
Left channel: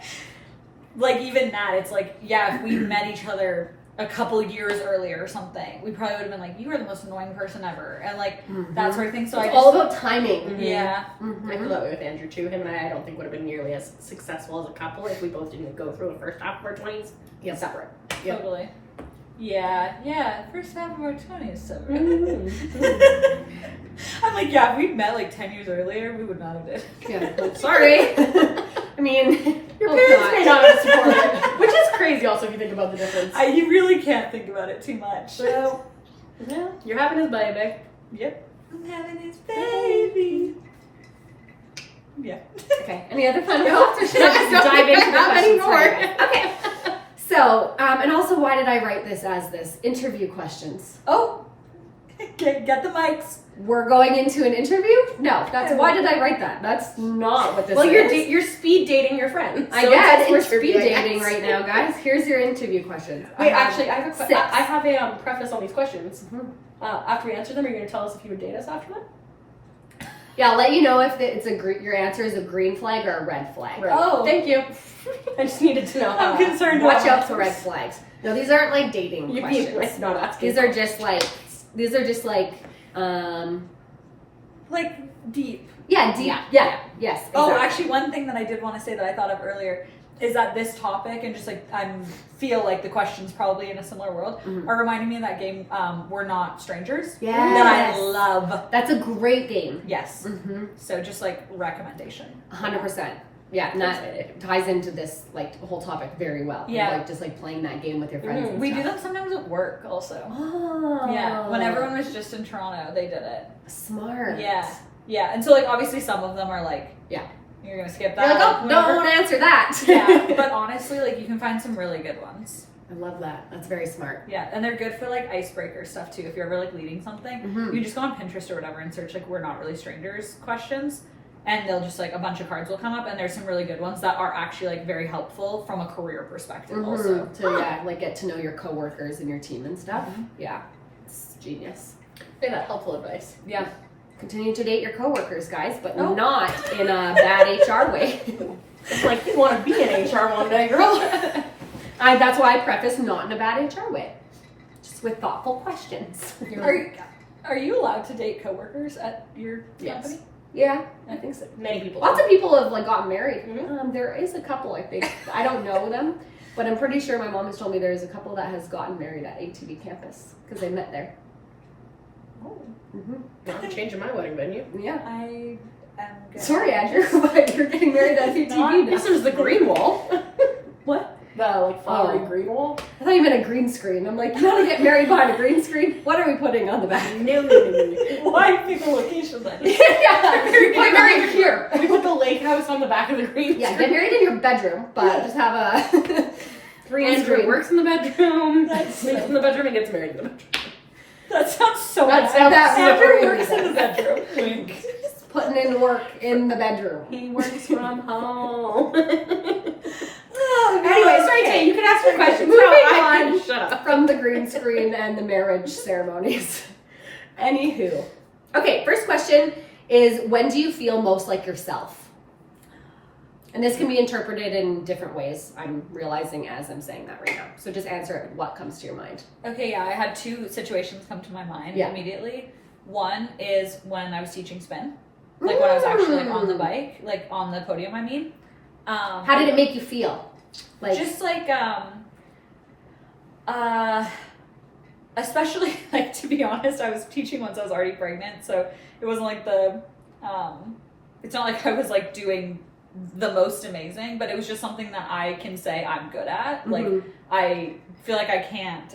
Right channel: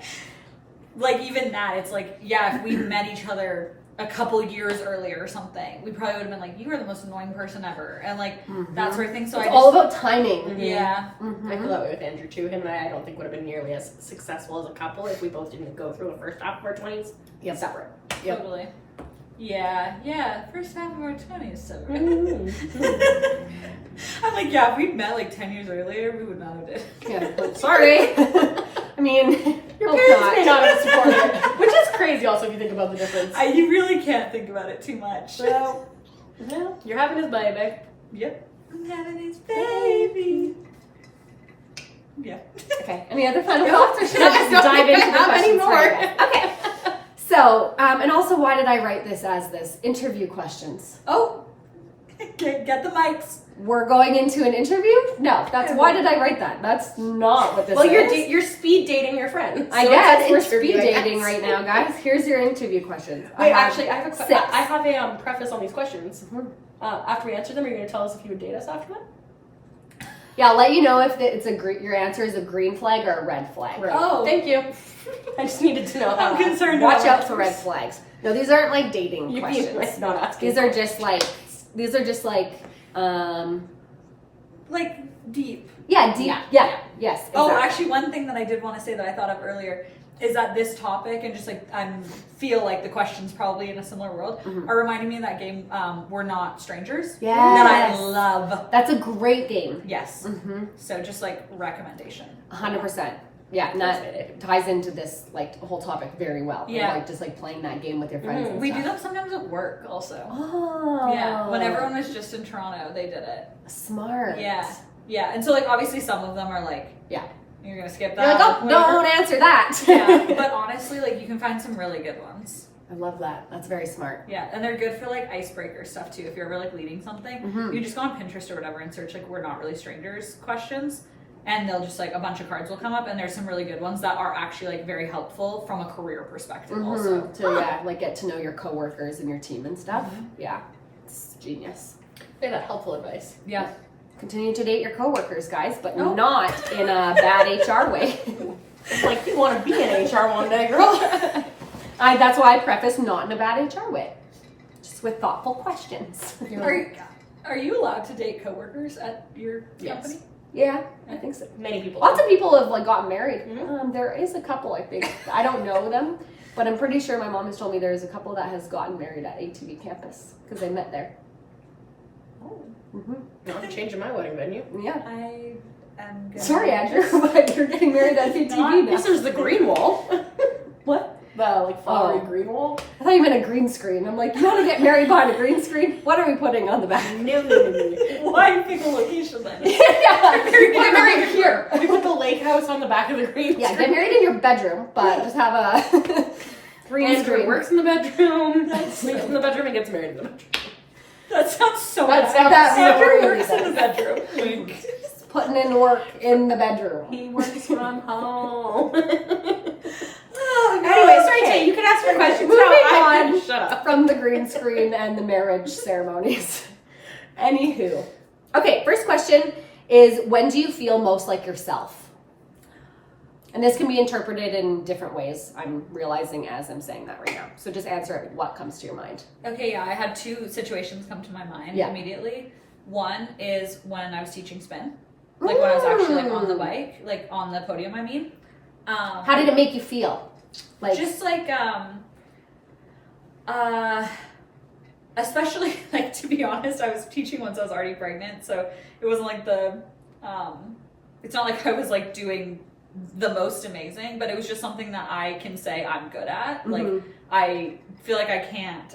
like even that, it's like, yeah, if we met each other a couple years earlier or something, we probably would have been like, you are the most annoying person ever, and like that sort of thing. So It's I all just, about timing. yeah. I feel that way with Andrew too. Him and I don't think would have been nearly as successful as a couple if we both didn't go through the first half of our 20s separate. Yep. Totally. Yeah. First half of our 20s, so I'm like, yeah, if we'd met like 10 years earlier, we would not have did. Yeah, like, sorry. I mean, Your parents may not have supported it, which is crazy also if you think about the difference. You really can't think about it too much. So, yeah, you're having his baby. Yep. I'm having his baby. Yeah. Okay. Any other final thoughts, or should I just No, dive into the not questions for anymore. you guys? Okay. So, and also, why did I write this as this? Interview questions. Oh, get the mics. We're going into an interview? No, that's why did I write that? That's not what this Well, is. you're speed dating your friend. I So guess it's we're an interview, speed I guess. dating right now, guys. Here's your interview questions. Wait, actually, I have six. I have a preface on these questions. After we answer them, are you going to tell us if you would date us after that? Yeah, I'll let you know if it's your answer is a green flag or a red flag. Right. Oh. Thank you. I just needed to know. I'm concerned Watch about out for red flags. No, these aren't like dating You questions. being like not asking. These are just like like deep. yeah, deep. Yeah. Yes. Oh, exactly. actually, one thing that I did want to say that I thought of earlier is that this topic and just like feel like the questions probably in a similar world are reminding me of that game We're Not Strangers Yes. that I love. That's a great game. Yes. So just like recommendation. 100%. Yeah, and that ties into this like whole topic very well. Yeah. Like just like playing that game with your friends. And We do stuff. that sometimes at work also. Oh. Yeah. When everyone was just in Toronto, they did it. Smart. Yeah. Yeah. And so like obviously some of them are like, Yeah. you're gonna skip You're that. like, oh, whatever. don't answer that. Yeah. But honestly, like you can find some really good ones. I love that. That's very smart. Yeah, and they're good for like icebreaker stuff too. If you're ever like leading something, you just go on Pinterest or whatever and search like "we're not really strangers" questions, and they'll just like a bunch of cards will come up, and there's some really good ones that are actually like very helpful from a career perspective also. To like get to know your coworkers and your team and stuff. Yeah, it's genius. Say that helpful advice. Yeah. Continue to date your coworkers, guys, but not in a bad HR way. It's like you want to be in HR one day, girl. That's why I preface not in a bad HR way, just with thoughtful questions. Are you allowed to date coworkers at your company? Yeah, I think so. Many people. Lots of people have like gotten married. There is a couple, I think. I don't know them, but I'm pretty sure my mom has told me there's a couple that has gotten married at ATV campus because they met there. Oh. I'm changing my wedding venue. Yeah. I am gonna Sorry, Andrew, but you're getting married at ATV now. This is the green wall. What? The like flowery green wall. I thought you meant a green screen. I'm like, you want to get married behind a green screen? What are we putting on the back? No. Why pick a location then? Get married here. We put the lake house on the back of the green screen. Yeah, get married in your bedroom, but just have a green Andrew screen. works in the bedroom. Sleeps in the bedroom and gets married in the bedroom. That sounds so That bad. sounds so Andrew weird. works in the bedroom. Wink. Just putting in work in the bedroom. He works from home. Oh, Anyway, sorry, Tay, you can ask your questions now. I can shut up. From the green screen and the marriage ceremonies. Anywho. Okay, first question is, when do you feel most like yourself? And this can be interpreted in different ways, I'm realizing as I'm saying that right now. So just answer it, what comes to your mind. Okay, yeah, I had two situations come to my mind immediately. One is when I was teaching spin. Like when I was actually like on the bike, like on the podium, I mean. How did it make you feel? Like just like especially like, to be honest, I was teaching once I was already pregnant, so it wasn't like it's not like I was like doing the most amazing, but it was just something that I can say I'm good at. Like I feel like I can't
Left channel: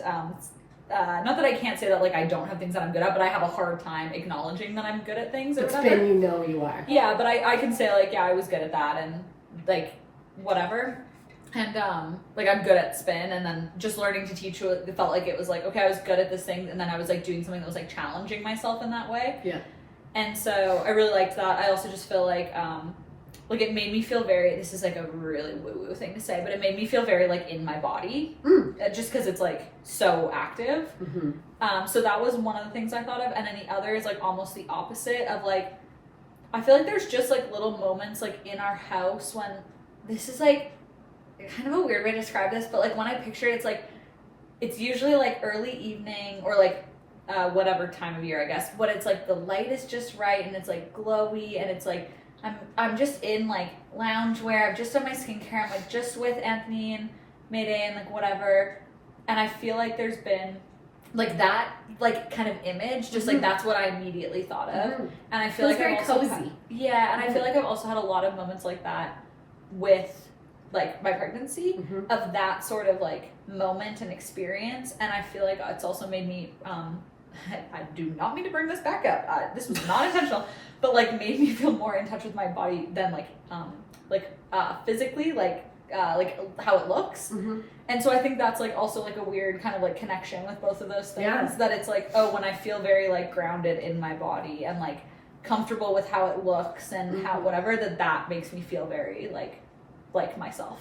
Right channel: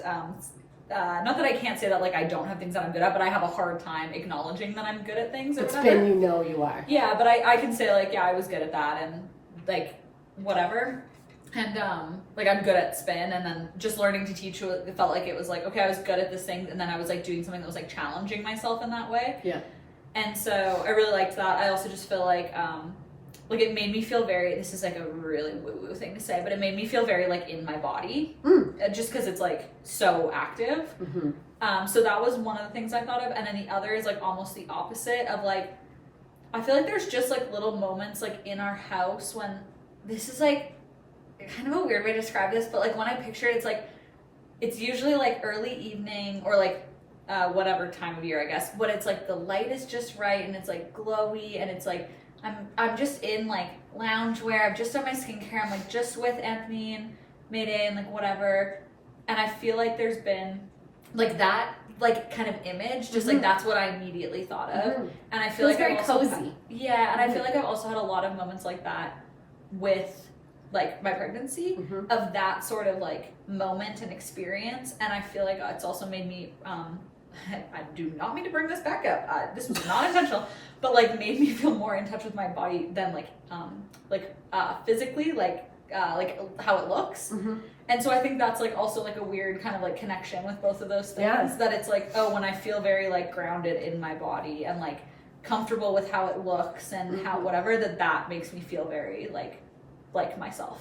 not that I can't say that like I don't have things that I'm good at, but I have a hard time acknowledging that I'm good at things or it's whatever. been, you know you are. Yeah, but I can say like, yeah, I was good at that and like whatever. And like I'm good at spin, and then just learning to teach, it felt like it was like, okay, I was good at this thing, and then I was like doing something that was like challenging myself in that way. Yeah. And so I really liked that. I also just feel like it made me feel very, this is like a really woo-woo thing to say, but it made me feel very like in my body, just because it's like so active. So that was one of the things I thought of. And then the other is like almost the opposite of like, I feel like there's just like little moments like in our house when this is like kind of a weird way to describe this, but like when I picture it, it's like, it's usually like early evening or like whatever time of year, I guess, but it's like the light is just right and it's like glowy, and it's like I'm just in like loungewear, I've just done my skincare, I'm like just with Anthony and Mayday and like whatever, and I feel like there's been like that like kind of image, just like that's what I immediately thought of. And I feel like very I've also cozy. and I feel like I've also had a lot of moments like that with like my pregnancy, of that sort of like moment and experience. And I feel like it's also made me I do not mean to bring this back up, this was not intentional, but like made me feel more in touch with my body than physically, like how it looks. And so I think that's like also like a weird kind of like connection with both of those things, that it's like, oh, when I feel very like grounded in my body and like comfortable with how it looks and how whatever, that makes me feel very like myself.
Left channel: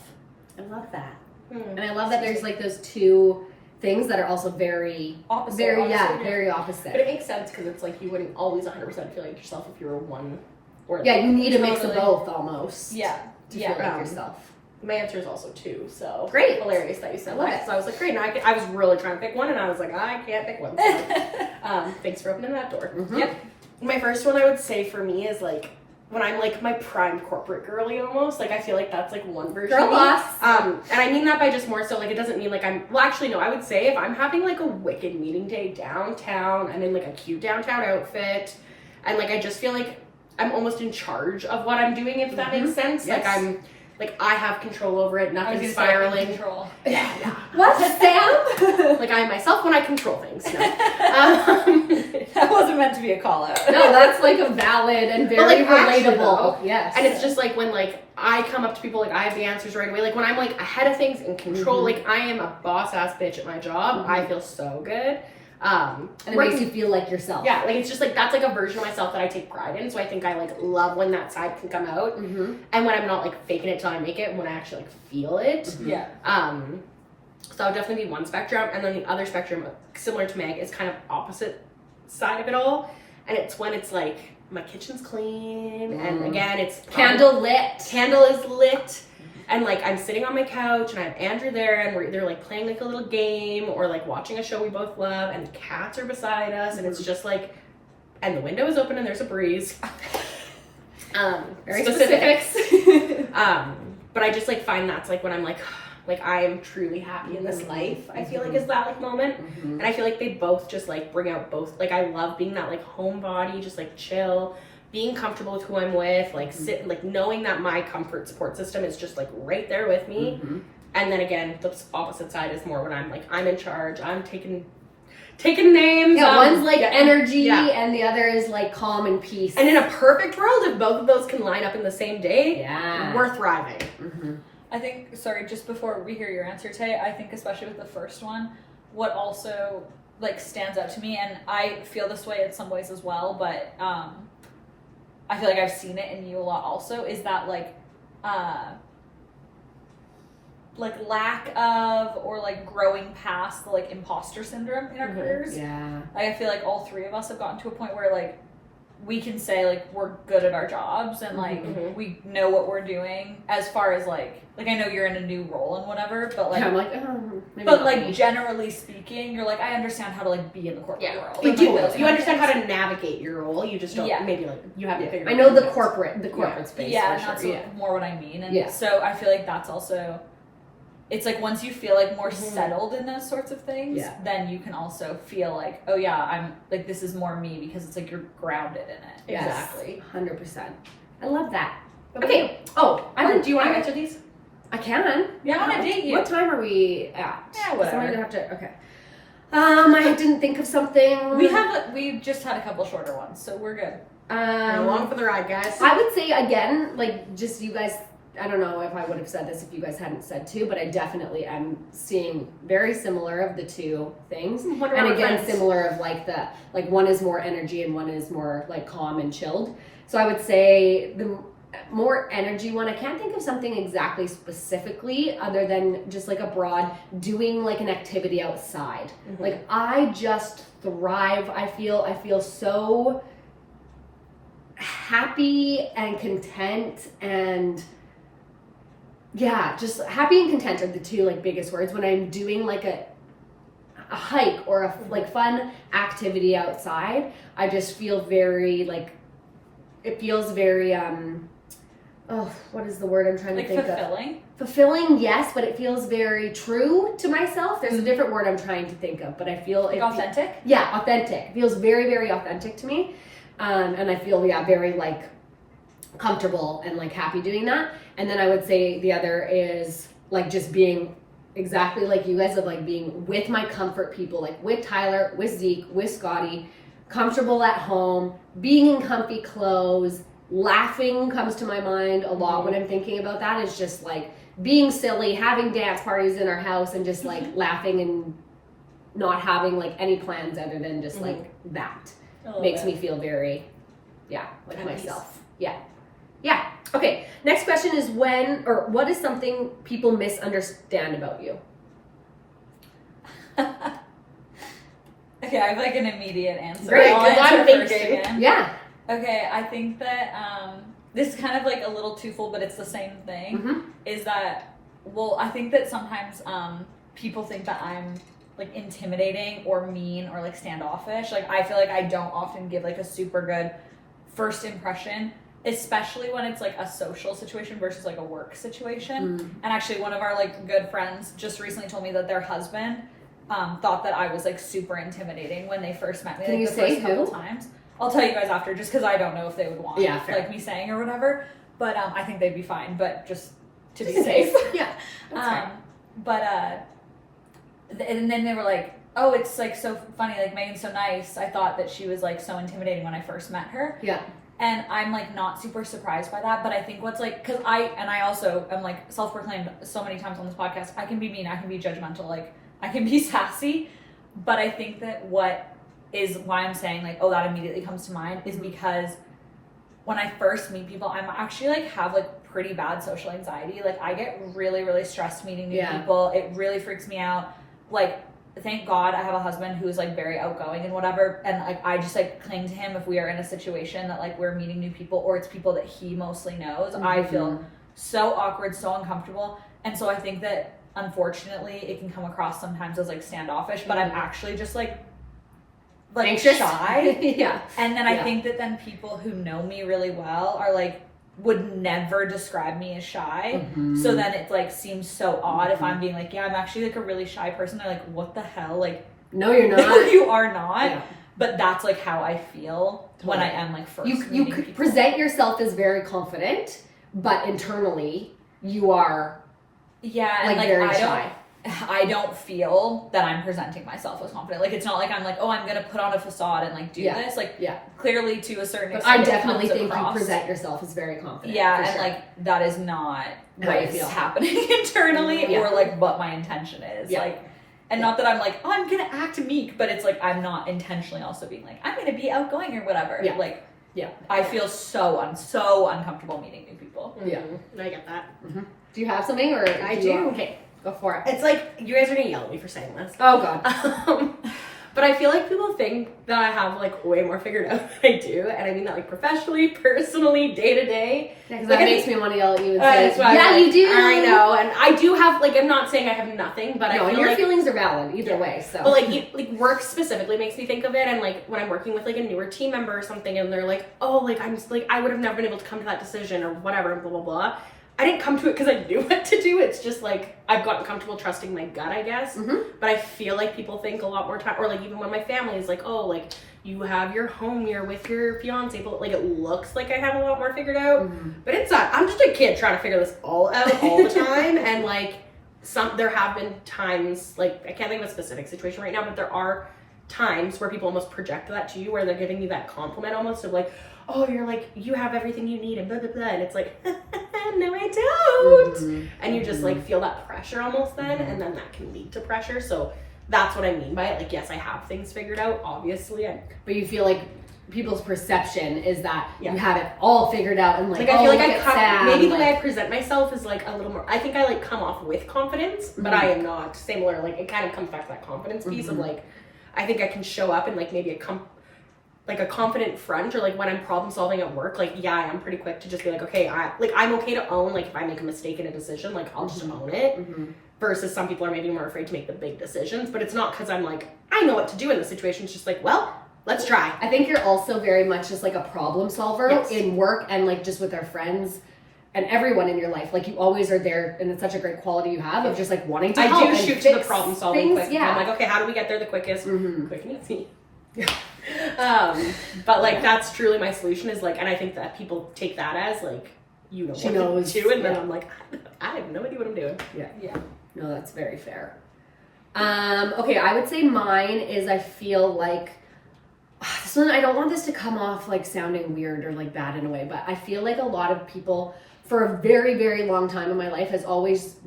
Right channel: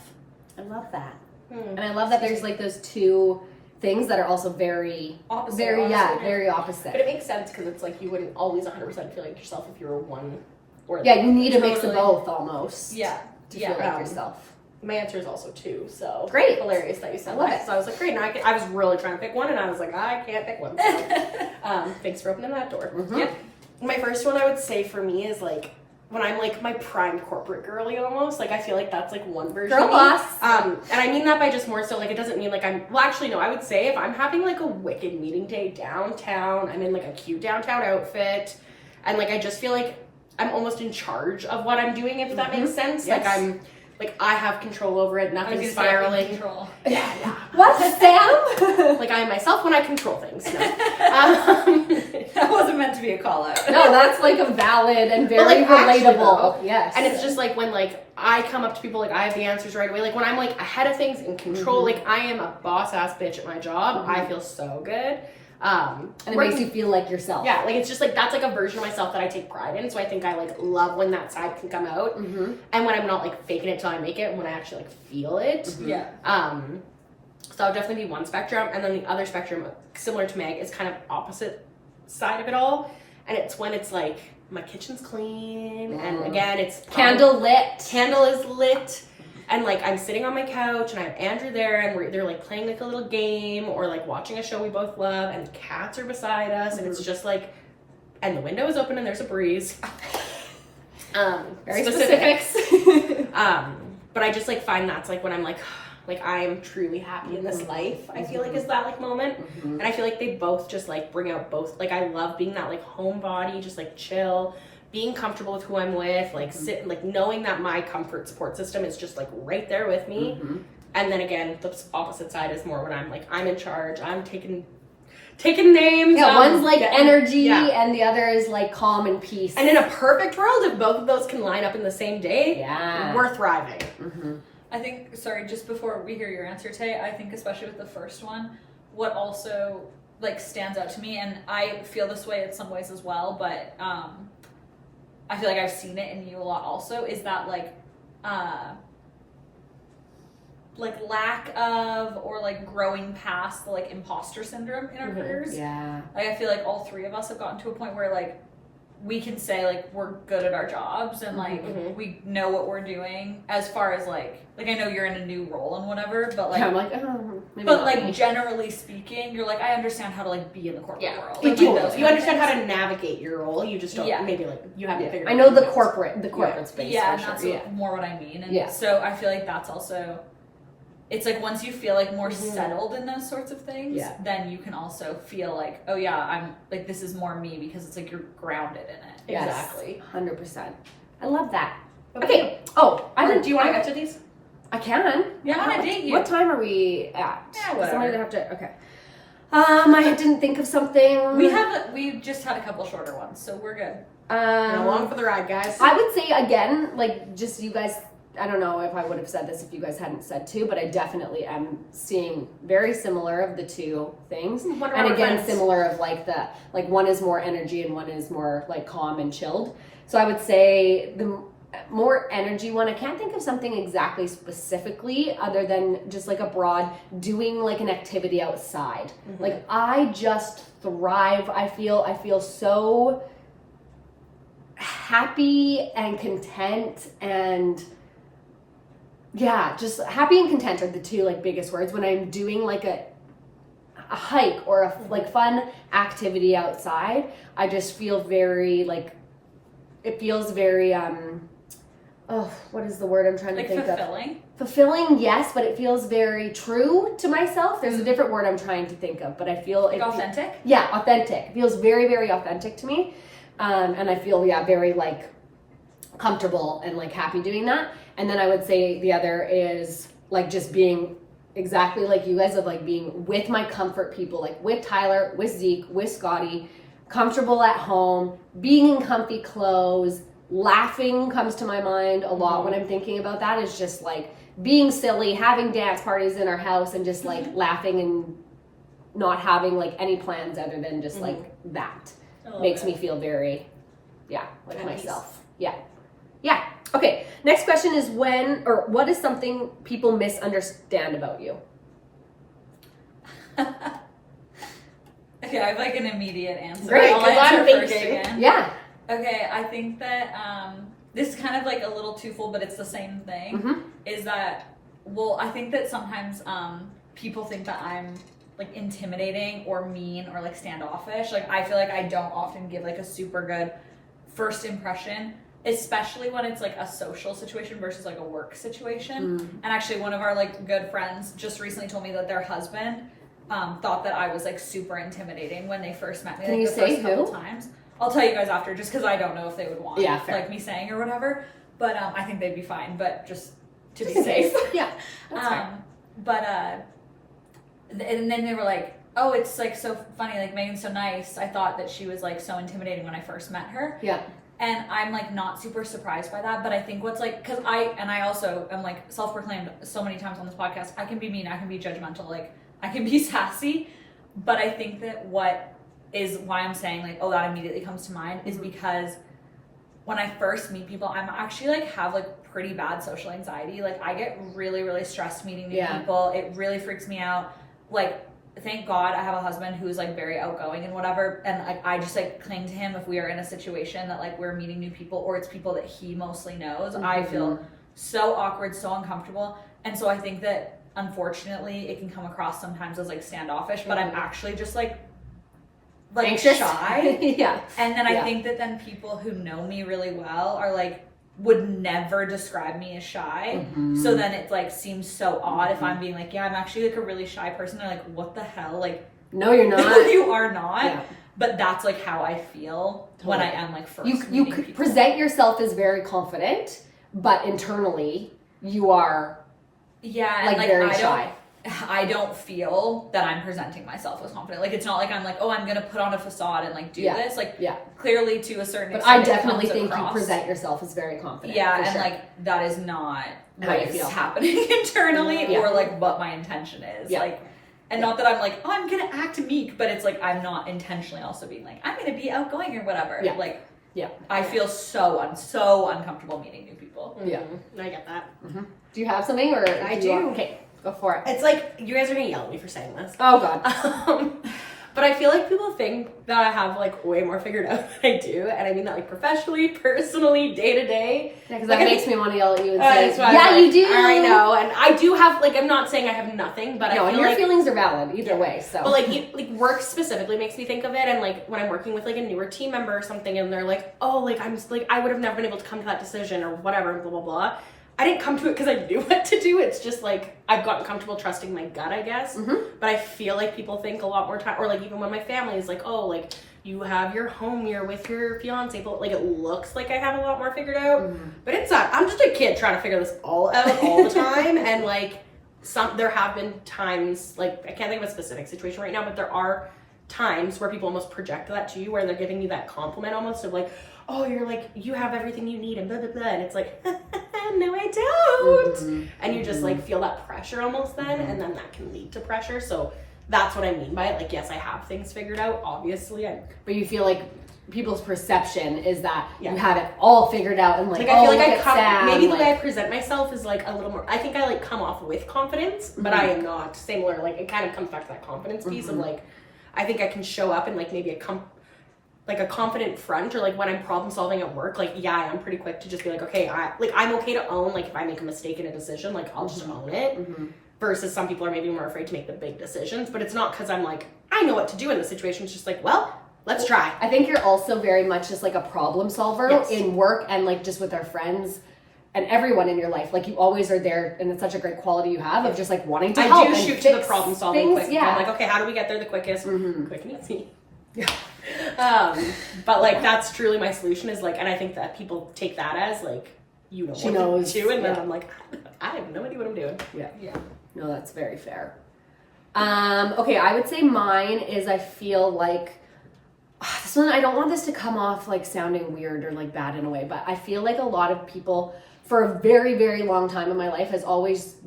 I love that. And I love that there's like those two things that are also very opposite. Very opposite. But it makes sense because it's like you wouldn't always 100% feel like yourself if you were one or you need a mix of Totally. both almost. Yeah. To feel like yourself. My answer is also 2, so great. Hilarious that you said love that. it. So I was like, great. Now I was really trying to pick one, and I was like, I can't pick one. So, thanks for opening that door. Yep. My first one I would say for me is like when I'm like my prime corporate girly almost. Like I feel like that's like one version Girl of me. boss. And I mean that by just more so like it doesn't mean like I would say if I'm having like a wicked meeting day downtown, I'm in like a cute downtown outfit, and like I just feel like I'm almost in charge of what I'm doing, if that makes sense. Yes. Like I have control over it, nothing's spiraling. Control. Yeah. What, Sam? Like I am myself when I control things. No. That wasn't meant to be a call out. No, that's like a valid and very actually, relatable. though, Yes. And it's just like when like I come up to people, like I have the answers right away. Like when I'm like ahead of things, in control, like I am a boss ass bitch at my job. I feel so good. And it makes you feel like yourself. Yeah, like it's just like that's like a version of myself that I take pride in. So I think I like love when that side can come out, and when I'm not like faking it till I make it, when I actually like feel it. Yeah. So that would definitely be one spectrum, and then the other spectrum, similar to Meg, is kind of opposite side of it all, and it's when it's like my kitchen's clean, and again it's Candle is lit. And like I'm sitting on my couch and I have Andrew there and they're like playing like a little game or like watching a show we both love and the cats are beside us and it's just like, and the window is open and there's a breeze. Very Specifics. specifics. But I just like find that's like when I'm like I am truly happy in this life. I feel like is that like moment. And I feel like they both just like bring out both, like I love being that like homebody, just like chill, being comfortable with who I'm with, like sit, like knowing that my comfort support system is just like right there with me. And then again, the opposite side is more when I'm like, I'm in charge, I'm taking names. Yeah, one's like energy yeah. and the other is like calm and peace. And in a perfect world, if both of those can line up in the same day, Yeah. we're thriving. I think, sorry, just before we hear your answer, Tay, I think especially with the first one, what also like stands out to me, and I feel this way in some ways as well, but I feel like I've seen it in you a lot also, is that like lack of or like growing past the like imposter syndrome in our careers. Yeah. Like, I feel like all three of us have gotten to a point where like we can say like we're good at our jobs and like we know what we're doing as far as like I know you're in a new role and whatever, but like Yeah, I'm like, oh, maybe but not like me. generally speaking, you're like, I understand how to like be in the corporate world. You and, do. like, those You kind of understand how things. to navigate your role. You just don't. Yeah. Maybe like you haven't figured. I it know out the yet. corporate space. Yeah, for and sure. that's more what I mean. And Yeah. so I feel like that's also, it's like once you feel like more settled in those sorts of things, then you can also feel like, oh yeah, I'm like, this is more me, because it's like you're grounded in it. Yes, Exactly. 100%. I love that. Okay. Okay. Oh, I didn't. Do you want to answer these? I can. Yeah, I wanna date you. What time are we at? Yeah, 'Cause whatever. I'm gonna have to. Okay. I didn't think of something. We just had a couple shorter ones, so we're good. You're along for the ride, guys. I would say again, like just you guys. I don't know if I would have said this if you guys hadn't said two, but I definitely am seeing very similar of the two things. Wonder And why we're again, friends. similar of like the like one is more energy and one is more like calm and chilled. So I would say the more energy one, I can't think of something exactly specifically other than just like a broad doing like an activity outside. Like I just thrive. I feel so happy and content, and yeah, just happy and content are the two like biggest words when I'm doing like a hike or a like fun activity outside. I just feel very like, it feels very what is the word I'm trying Like to think fulfilling. of? Fulfilling, yes, but it feels very true to myself. There's a different word I'm trying to think of, but I feel Like authentic? Yeah, authentic. It feels very, very authentic to me. And I feel, very like comfortable and like happy doing that. And then I would say the other is like just being exactly like you guys, of like being with my comfort people, like with Tyler, with Zeke, with Scotty, comfortable at home, being in comfy clothes, laughing comes to my mind a lot when I'm thinking about that. Is just like being silly, having dance parties in our house and just like laughing and not having like any plans other than just like that. Makes me feel very, like myself. Yeah. Okay. Next question is what is something people misunderstand about you? Okay, I have like an immediate answer. Great, I'll 'cause answer I'm first thinking. again. Yeah. Okay, I think that this is kind of like a little twofold, but it's the same thing. Is that, well, I think that sometimes people think that I'm like intimidating or mean or like standoffish. Like I feel like I don't often give like a super good first impression, especially when it's like a social situation versus like a work situation. And actually one of our like good friends just recently told me that their husband thought that I was like super intimidating when they first met me. Can like you the say first couple who? times. I'll tell you guys after, just because I don't know if they would want fair. like me saying or whatever. But I think they'd be fine. But just to be Just in safe. case. Yeah. That's fine. And then they were like, oh, it's like so funny, like Megan's so nice. I thought that she was like so intimidating when I first met her. Yeah. And I'm like not super surprised by that, but I think what's like, cause I also am like self-proclaimed so many times on this podcast, I can be mean, I can be judgmental, like I can be sassy, but I think that what is why I'm saying like, oh, that immediately comes to mind is because when I first meet people, I'm actually like have like pretty bad social anxiety. Like I get really, really stressed meeting new people. It really freaks me out. Like, thank God I have a husband who is like very outgoing and whatever, and like I just like cling to him if we are in a situation that like we're meeting new people or it's people that he mostly knows. I feel so awkward, so uncomfortable, and so I think that unfortunately it can come across sometimes as like standoffish, but I'm actually just like anxious, shy. Yeah. And then I think that then people who know me really well are like would never describe me as shy. So then it like seems so odd if I'm being like, yeah, I'm actually like a really shy person. They're like, what the hell? Like, no, you're not. No, you are not. Yeah. But that's like how I feel when I am like first You meeting could people. present yourself as very confident, but internally you are and like very shy. I don't feel that I'm presenting myself as confident. Like it's not like I'm like, oh, I'm gonna put on a facade and like do this. Like clearly to a certain extent. I definitely think across. You present yourself as very confident. Yeah, and like that is not what is happening internally or like what my intention is. Like, and not that I'm like, oh, I'm gonna act meek, but it's like I'm not intentionally also being like, I'm gonna be outgoing or whatever. Like, I feel so uncomfortable meeting new people. Yeah, I get that. Do you have something or I do. Okay, go for it. It's like you guys are gonna yell at me for saying this. Oh God. But I feel like people think that I have like way more figured out than I do, and I mean that like professionally, personally, day to day. Yeah, because like, that makes me want to yell at you and say, yeah, like, you do. I know, and I do have like I'm not saying I have nothing, but I feel your like feelings are valid either way. So, but like work specifically makes me think of it, and like when I'm working with like a newer team member or something, and they're like, oh, like I'm just like I would have never been able to come to that decision or whatever, and blah blah blah. I didn't come to it because I knew what to do. It's just like I've gotten comfortable trusting my gut, I guess. But I feel like people think a lot more time, or like even when my family is like, oh, like you have your home, you're with your fiance, but like it looks like I have a lot more figured out. But it's not. I'm just a kid trying to figure this all out all the time, and like there have been times, like I can't think of a specific situation right now, but there are times where people almost project that to you, where they're giving you that compliment almost of like, oh, you're like, you have everything you need and blah, blah, blah. And it's like, no, I don't. And you just like feel that pressure almost then. And then that can lead to pressure. So that's what I mean by it. Like, yes, I have things figured out, obviously. But you feel like people's perception is that you have it all figured out and like I feel like maybe the way I present myself is like a little more, I think I like come off with confidence, but I am not similar. Like it kind of comes back to that confidence piece of like, I think I can show up and like maybe a confident front, or like when I'm problem solving at work, like I am pretty quick to just be like, okay, I'm okay to own like if I make a mistake in a decision, like I'll just own it. Versus some people are maybe more afraid to make the big decisions, but it's not because I'm like I know what to do in this situation. It's just like, well, let's try. I think you're also very much just like a problem solver in work and like just with our friends and everyone in your life. Like you always are there, and it's such a great quality you have of just like wanting to help. I do shoot to the problem solving quick. Yeah. I'm like, okay, how do we get there the quickest? Quick and easy. But like that's truly my solution is like, and I think that people take that as like, you know what to do, and then I'm like, I have no idea what I'm doing. Yeah. No, that's very fair. Okay, I would say mine is I feel like this one. I don't want this to come off like sounding weird or like bad in a way, but I feel like a lot of people for a very, very long time in my life has always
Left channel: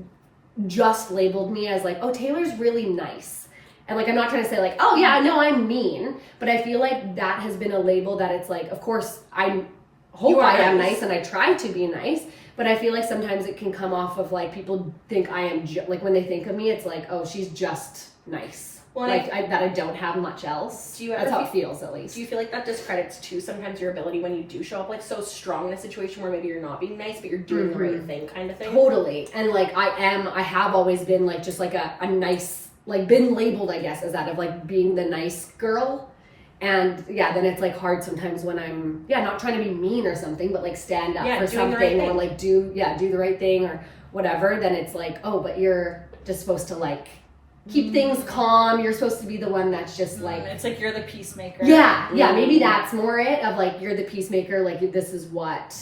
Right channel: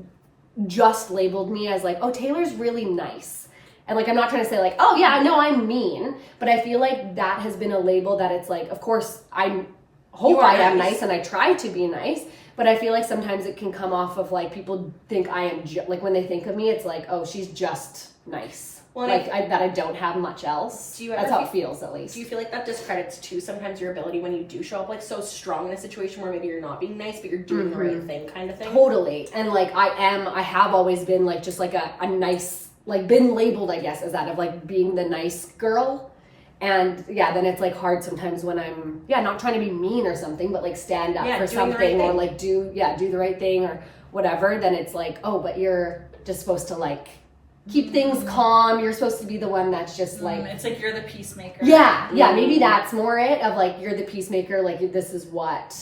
just labeled me as like, oh, Taylor's really nice. And like, I'm not trying to say like, oh yeah, no, I'm mean, but I feel like that has been a label that it's like, of course, I hope I am nice and I try to be nice, but I feel like sometimes it can come off of like, people think I am, like when they think of me, it's like, oh, she's just nice. Well, like that I don't have much else. That's how it feels at least. Do you feel like that discredits too sometimes your ability when you do show up like so strong in a situation where maybe you're not being nice, but you're doing the right thing kind of thing? Totally. And like I have always been like just like a nice, like been labeled, I guess, as that of like being the nice girl. And yeah, then it's like hard sometimes when I'm not trying to be mean or something, but like stand up for something or like do the right thing or whatever. Then it's like, oh, but you're just supposed to like keep things calm. You're supposed to be the one that's just like, it's like you're the peacemaker. Yeah, maybe that's more it of like you're the peacemaker. Like this is what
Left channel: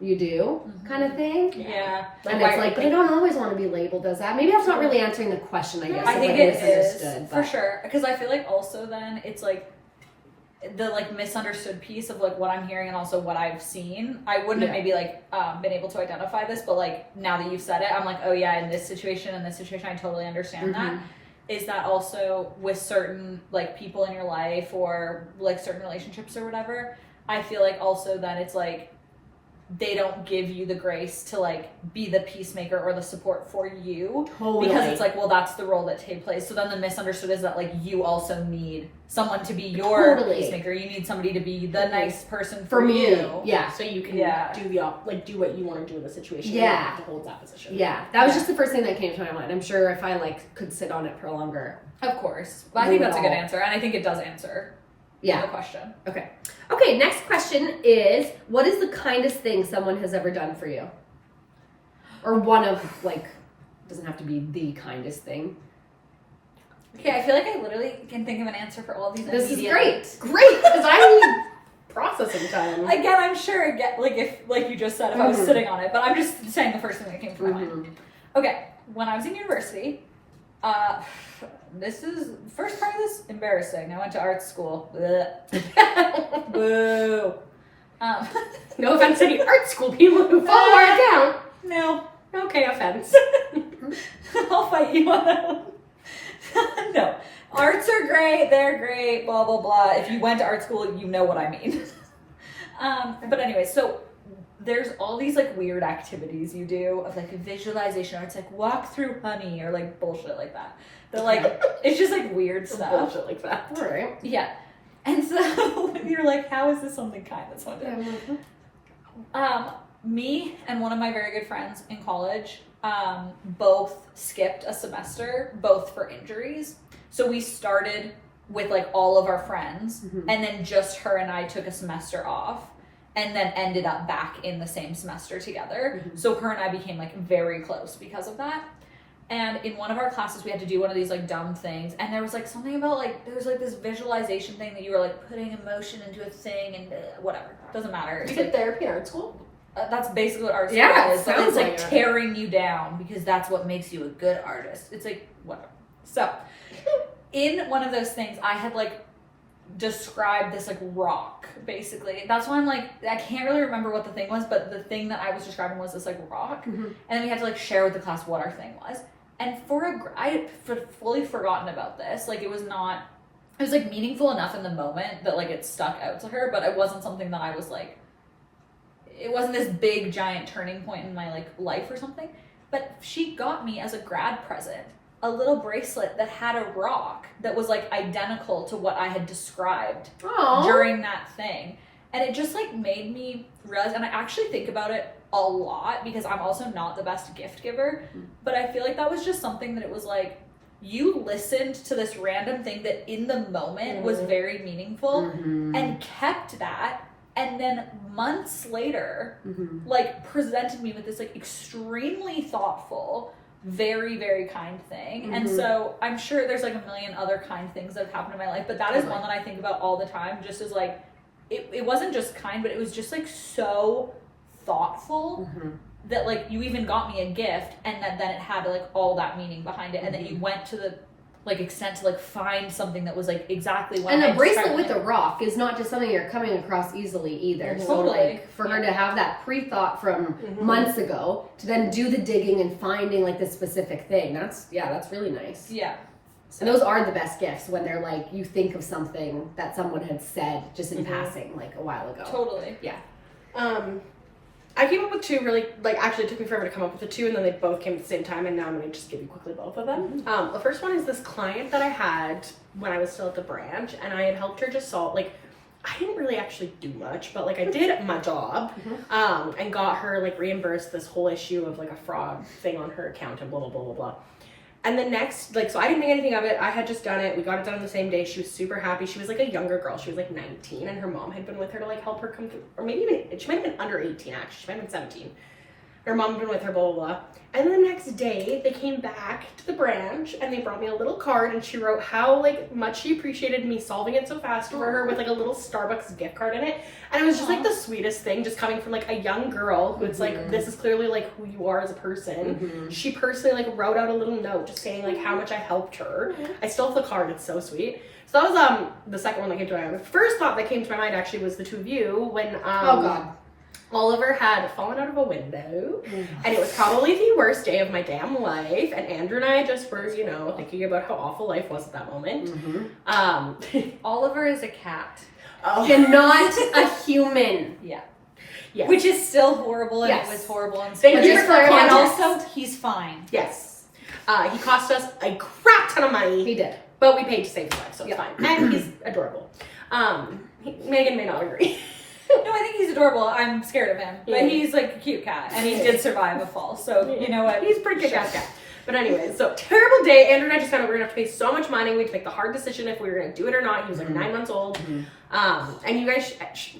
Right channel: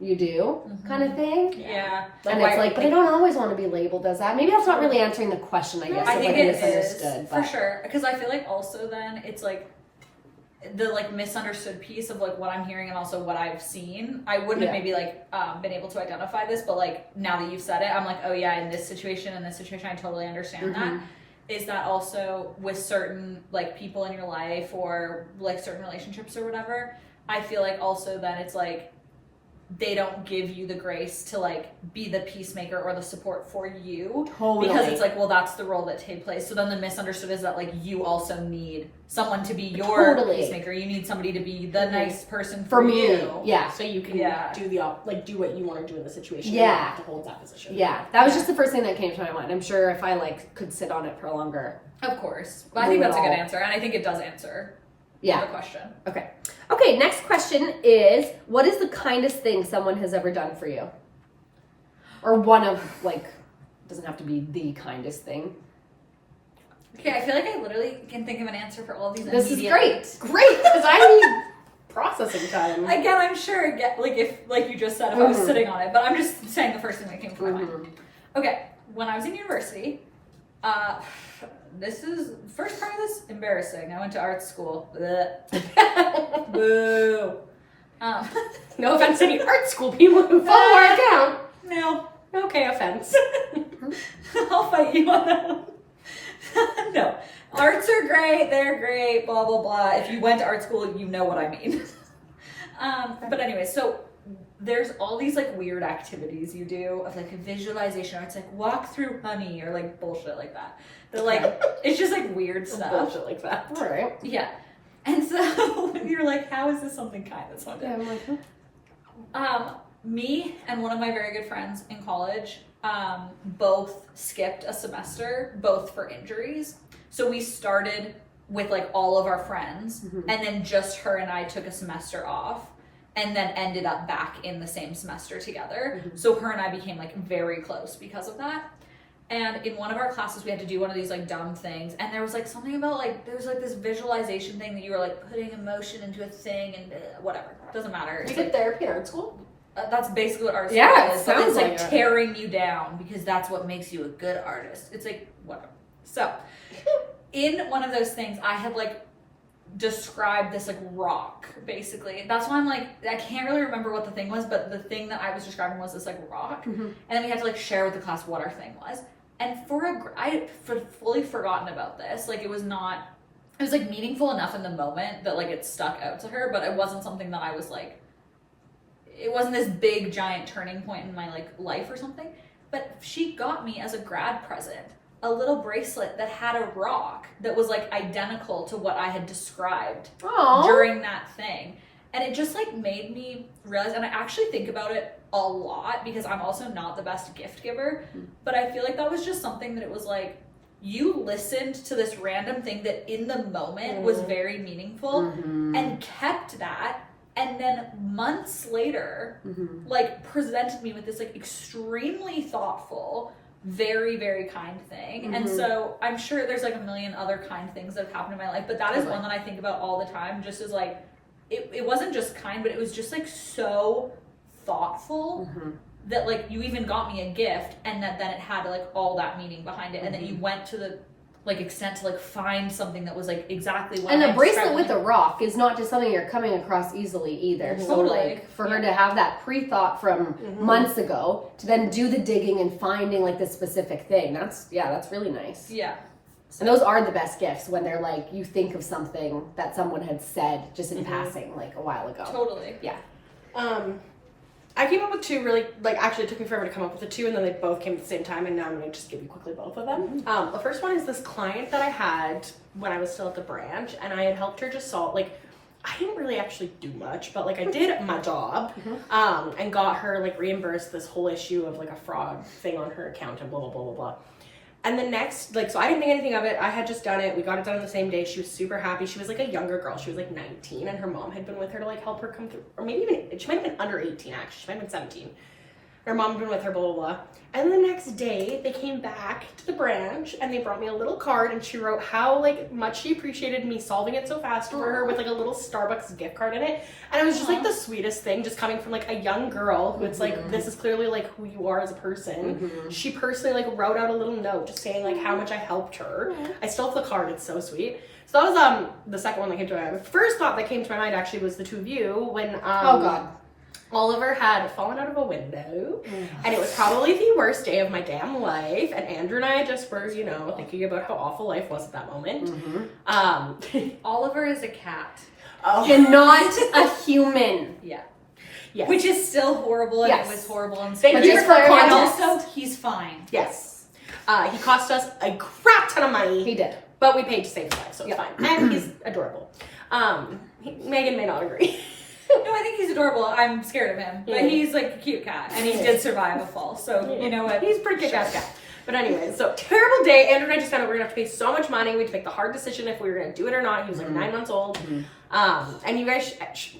you do kind of thing. Yeah. And it's like, but I don't always want to be labeled as that. Maybe that's not really answering the question, I guess. I think it is, misunderstood, for sure. Because I feel like also then it's like the like misunderstood piece of like what I'm hearing and also what I've seen. I wouldn't have maybe like been able to identify this, but like now that you've said it, I'm like, oh yeah, in this situation, I totally understand that. Is that also with certain like people in your life or like certain relationships or whatever, I feel like also that it's like they don't give you the grace to like be the peacemaker or the support for you. Totally. Because it's like, well, that's the role that Tay plays. So then the misunderstood is that like you also need someone to be your peacemaker. You need somebody to be the nice person for me. You. Yeah. So you can do what you want to do in the situation. Yeah. You don't have to hold that position. Yeah. That was just the first thing that came to my mind. I'm sure if I like could sit on it for longer. Of course. But I think that's a good answer. And I think it does answer the question. Okay, next question is, what is the kindest thing someone has ever done for you? Or one of, like, doesn't have to be the kindest thing. Okay, I feel like I literally can think of an answer for all of these. This is great. Great, because I need processing time. Again, I'm sure, like if, like you just said, if I was sitting on it, but I'm just saying the first thing that came to my mind. Okay, when I was in university, this is, first part of this, embarrassing. I went to art school. Boo. No offense to any art school people who follow our account. No. Okay, offense. I'll fight you on that one. No. Arts are great, they're great, blah, blah, blah. If you went to art school, you know what I mean. But anyway, so there's all these like weird activities you do of like a visualization, or it's like walk through honey or like bullshit like that. They're like, it's just like weird stuff. Bullshit like that. All right. Yeah. And so you're like, how is this something kind that someone did? I'm like, Me and one of my very good friends in college both skipped a semester, both for injuries. So we started with like all of our friends, and then just her and I took a semester off, and then ended up back in the same semester together. So her and I became like very close because of that. And in one of our classes, we had to do one of these like dumb things. And there was like something about like, there was like this visualization thing that you were like putting emotion into a thing and whatever. Doesn't matter. You did therapy in art school? That's basically what art Yeah, is. But sounds it's like like it. tearing you down because that's what makes you a good artist. It's like, whatever. So in one of those things, I had like described this like rock, basically. That's why I'm like, I can't really remember what the thing was, but the thing that I was describing was this like rock. And then we had to like share with the class what our thing was. And I had fully forgotten about this. Like it was like meaningful enough in the moment that like it stuck out to her, but it wasn't something that I was like, it wasn't this big giant turning point in my like life or something. But she got me as a grad present a little bracelet that had a rock that was like identical to what I had described during that thing. And it just like made me realize, and I actually think about it a lot because I'm also not the best gift giver, but I feel like that was just something that it was like, you listened to this random thing that in the moment was very meaningful and kept that, and then months later like presented me with this like extremely thoughtful, very, very kind thing. And so I'm sure there's like a million other kind things that have happened in my life, but that is one that I think about all the time, just as like it wasn't just kind, but it was just like so thoughtful that like you even got me a gift, and that then it had like all that meaning behind it, and then you went to the like extent to like find something that was like exactly what. And I a bracelet described. with a rock is not just something you're coming across easily either. So Totally. like for her to have that pre-thought from months ago to then do the digging and finding like the specific thing, that's really nice. Yeah. And those are the best gifts, when they're like, you think of something that someone had said just in passing like a while ago. Totally. Yeah. I came up with two really, like, actually it took me forever to come up with the two, and then they both came at the same time, and now I'm going to just give you quickly both of them. The first one is this client that I had when I was still at the branch, and I had helped her just solve, like, I didn't really actually do much, but, like, I did my job, and got her, like, reimbursed this whole issue of, like, a fraud thing on her account and blah, blah, blah, blah, blah. And the next, like, so I didn't think anything of it. I had just done it. We got it done on the same day. She was super happy. She was like a younger girl. She was like 19, and her mom had been with her to like help her come through. Or maybe even, she might have been under 18 actually. She might have been 17. Her mom had been with her, blah, blah, blah. And the next day, they came back to the branch and they brought me a little card and she wrote how like much she appreciated me solving it so fast for her with like a little Starbucks gift card in it. And it was just like the sweetest thing, just coming from like a young girl who it's like, this is clearly like who you are as a person. She personally like wrote out a little note just saying like how much I helped her. I still have the card, it's so sweet. So that was the second one that came to my mind. The first thought that came to my mind actually was the two of you when Oh God. Oliver had fallen out of a window, and it was probably the worst day of my damn life. And Andrew and I just were, you know, thinking about how awful life was at that moment. Oliver is a cat. And not a human. Yeah. Yes. Which is still horrible, and Yes. it was horrible and Thank scary. you for And context. also, he's fine. Yes. He cost us a crap ton of money. He did. But we paid to save his life, so it's fine. And he's adorable. Megan may not agree. No, I think he's adorable. I'm scared of him. But Yeah. he's like a cute cat, and he did survive a fall. So, you know what? He's pretty kick-ass cat. But anyway, so terrible day. Andrew and I just found out we were going to have to pay so much money. We had to make the hard decision if we were going to do it or not. He was like 9 months old. And you guys,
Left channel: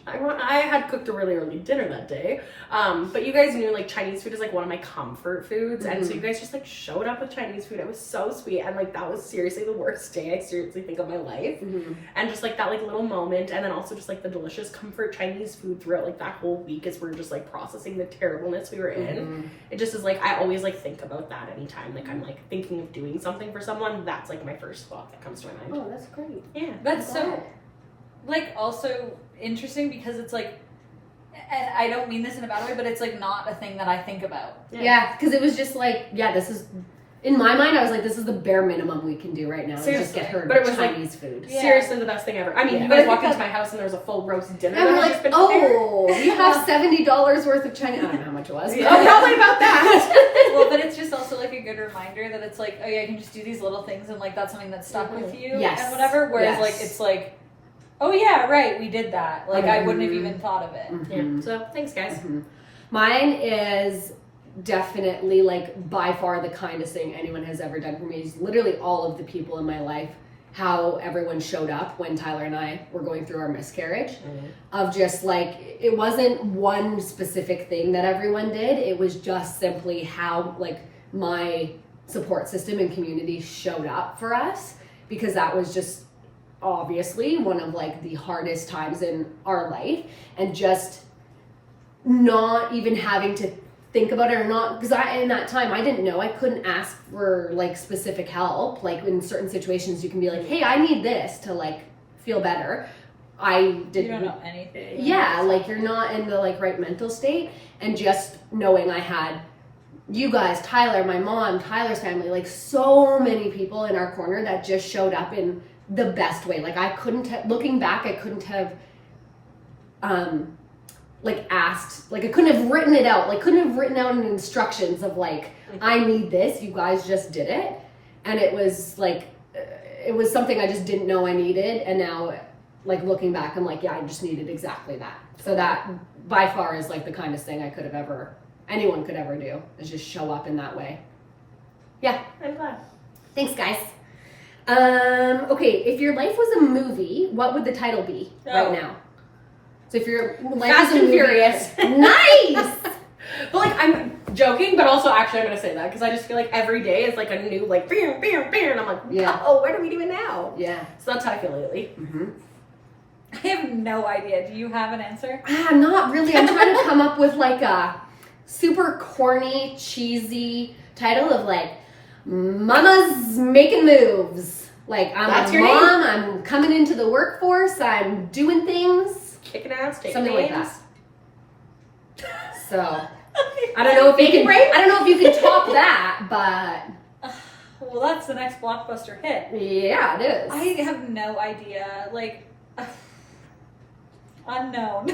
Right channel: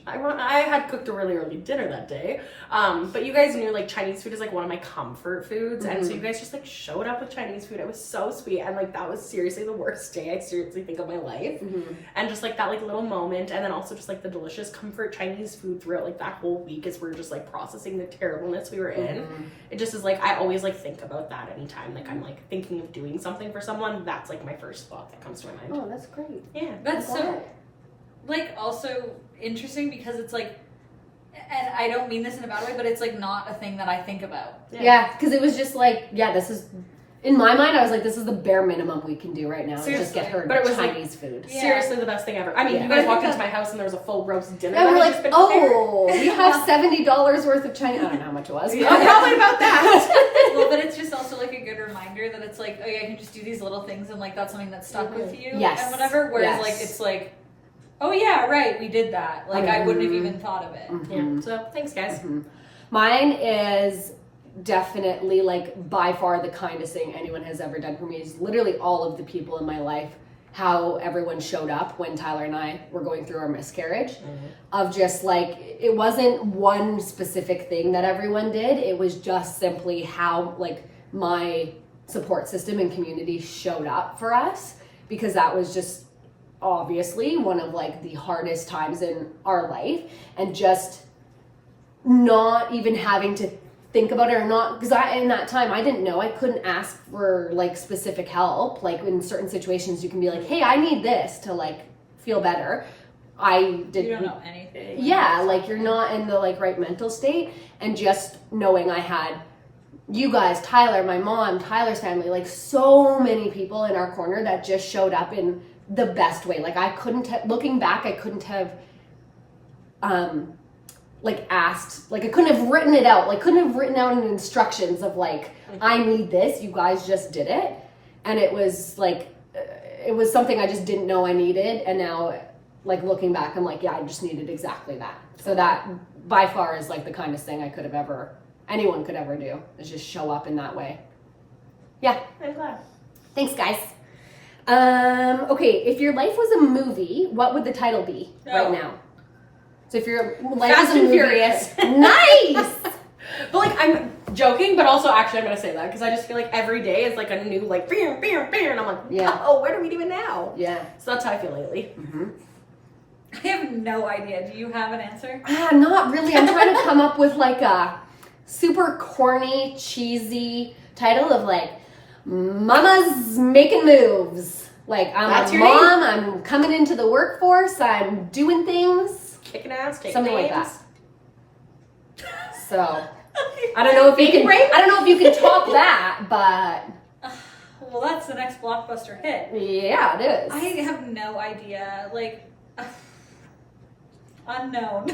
I had cooked a really early dinner that day. But you guys knew like Chinese food is like one of my comfort foods. And so you guys just like showed up with Chinese food. It was so sweet. And like that was seriously the worst day I seriously think of my life. And just like that like little moment. And then also just like the delicious comfort Chinese food throughout like that whole week as we're just like processing the terribleness we were in. It just is like, I always like think about that anytime like I'm like thinking of doing something for someone. That's like my first thought that comes to my mind. Oh, that's great. Yeah. That's so, like, also interesting because it's like, and I don't mean this in a bad way, but it's like not a thing that I think about. Yeah, because it was just like, this is, in my mind, I was like, this is the bare minimum we can do right now. Just Seriously. get her But it was like- Chinese food. Yeah. Seriously, the best thing ever. I mean, you But I guys think walked into that- my house and there was a full roast dinner And that we're had like, just been prepared. you have $70 worth of Chinese. I don't know how much it was. Oh, probably about that. Well, but it's just also like a good reminder that it's like, oh yeah, I can just do these little things and like that's something that stuck with you Yes. and whatever. Whereas Yes. like it's like, oh yeah, right, we did that. Like I wouldn't have even thought of it. Yeah. So thanks, guys. Mine is definitely like by far the kindest thing anyone has ever done for me. Is literally all of the people in my life, how everyone showed up when Tyler and I were going through our miscarriage. Of just like, it wasn't one specific thing that everyone did. It was just simply how like my support system and community showed up for us, because that was just obviously one of like the hardest times in our life, and just not even having to think about it, or not, because in that time I didn't know, I couldn't ask for like specific help. Like in certain situations you can be like, hey, I need this to like feel better. I didn't. You don't know anything. Yeah, like you're not in the like right mental state. And just knowing I had you guys, Tyler, my mom, Tyler's family, like so many people in our corner that just showed up in the best way. Like I couldn't have, looking back, I couldn't have like asked, like I couldn't have written it out, like couldn't have written out instructions of like, I need this, you guys just did it. And it was like, it was something I just didn't know I needed, and now like looking back I'm like, yeah, I just needed exactly that. So that by far is like the kindest thing I could have ever, anyone could ever do, is just show up in that way. Yeah. I'm glad. Thanks, guys. Okay, if your life was a movie, what would the title be right now? So if your life Fast was a and movie, Furious. Nice. But like I'm joking, but also actually I'm gonna say that because I just feel like every day is like a new like bam, bam, bam, and I'm like, Yeah. oh, where do we do it now? Yeah. So that's how I feel lately. I have no idea. Do you have an answer? Not really. I'm trying to come up with like a super corny, cheesy title of like, Mama's making moves. Like I'm That's a your mom, I'm coming into the workforce, I'm doing things. Kicking ass, taking Something names. like that. So I don't know if you Baby can. brain? I don't know if you can top that, but Well, that's the next blockbuster hit. yeah, it is. I have no idea. Like, unknown.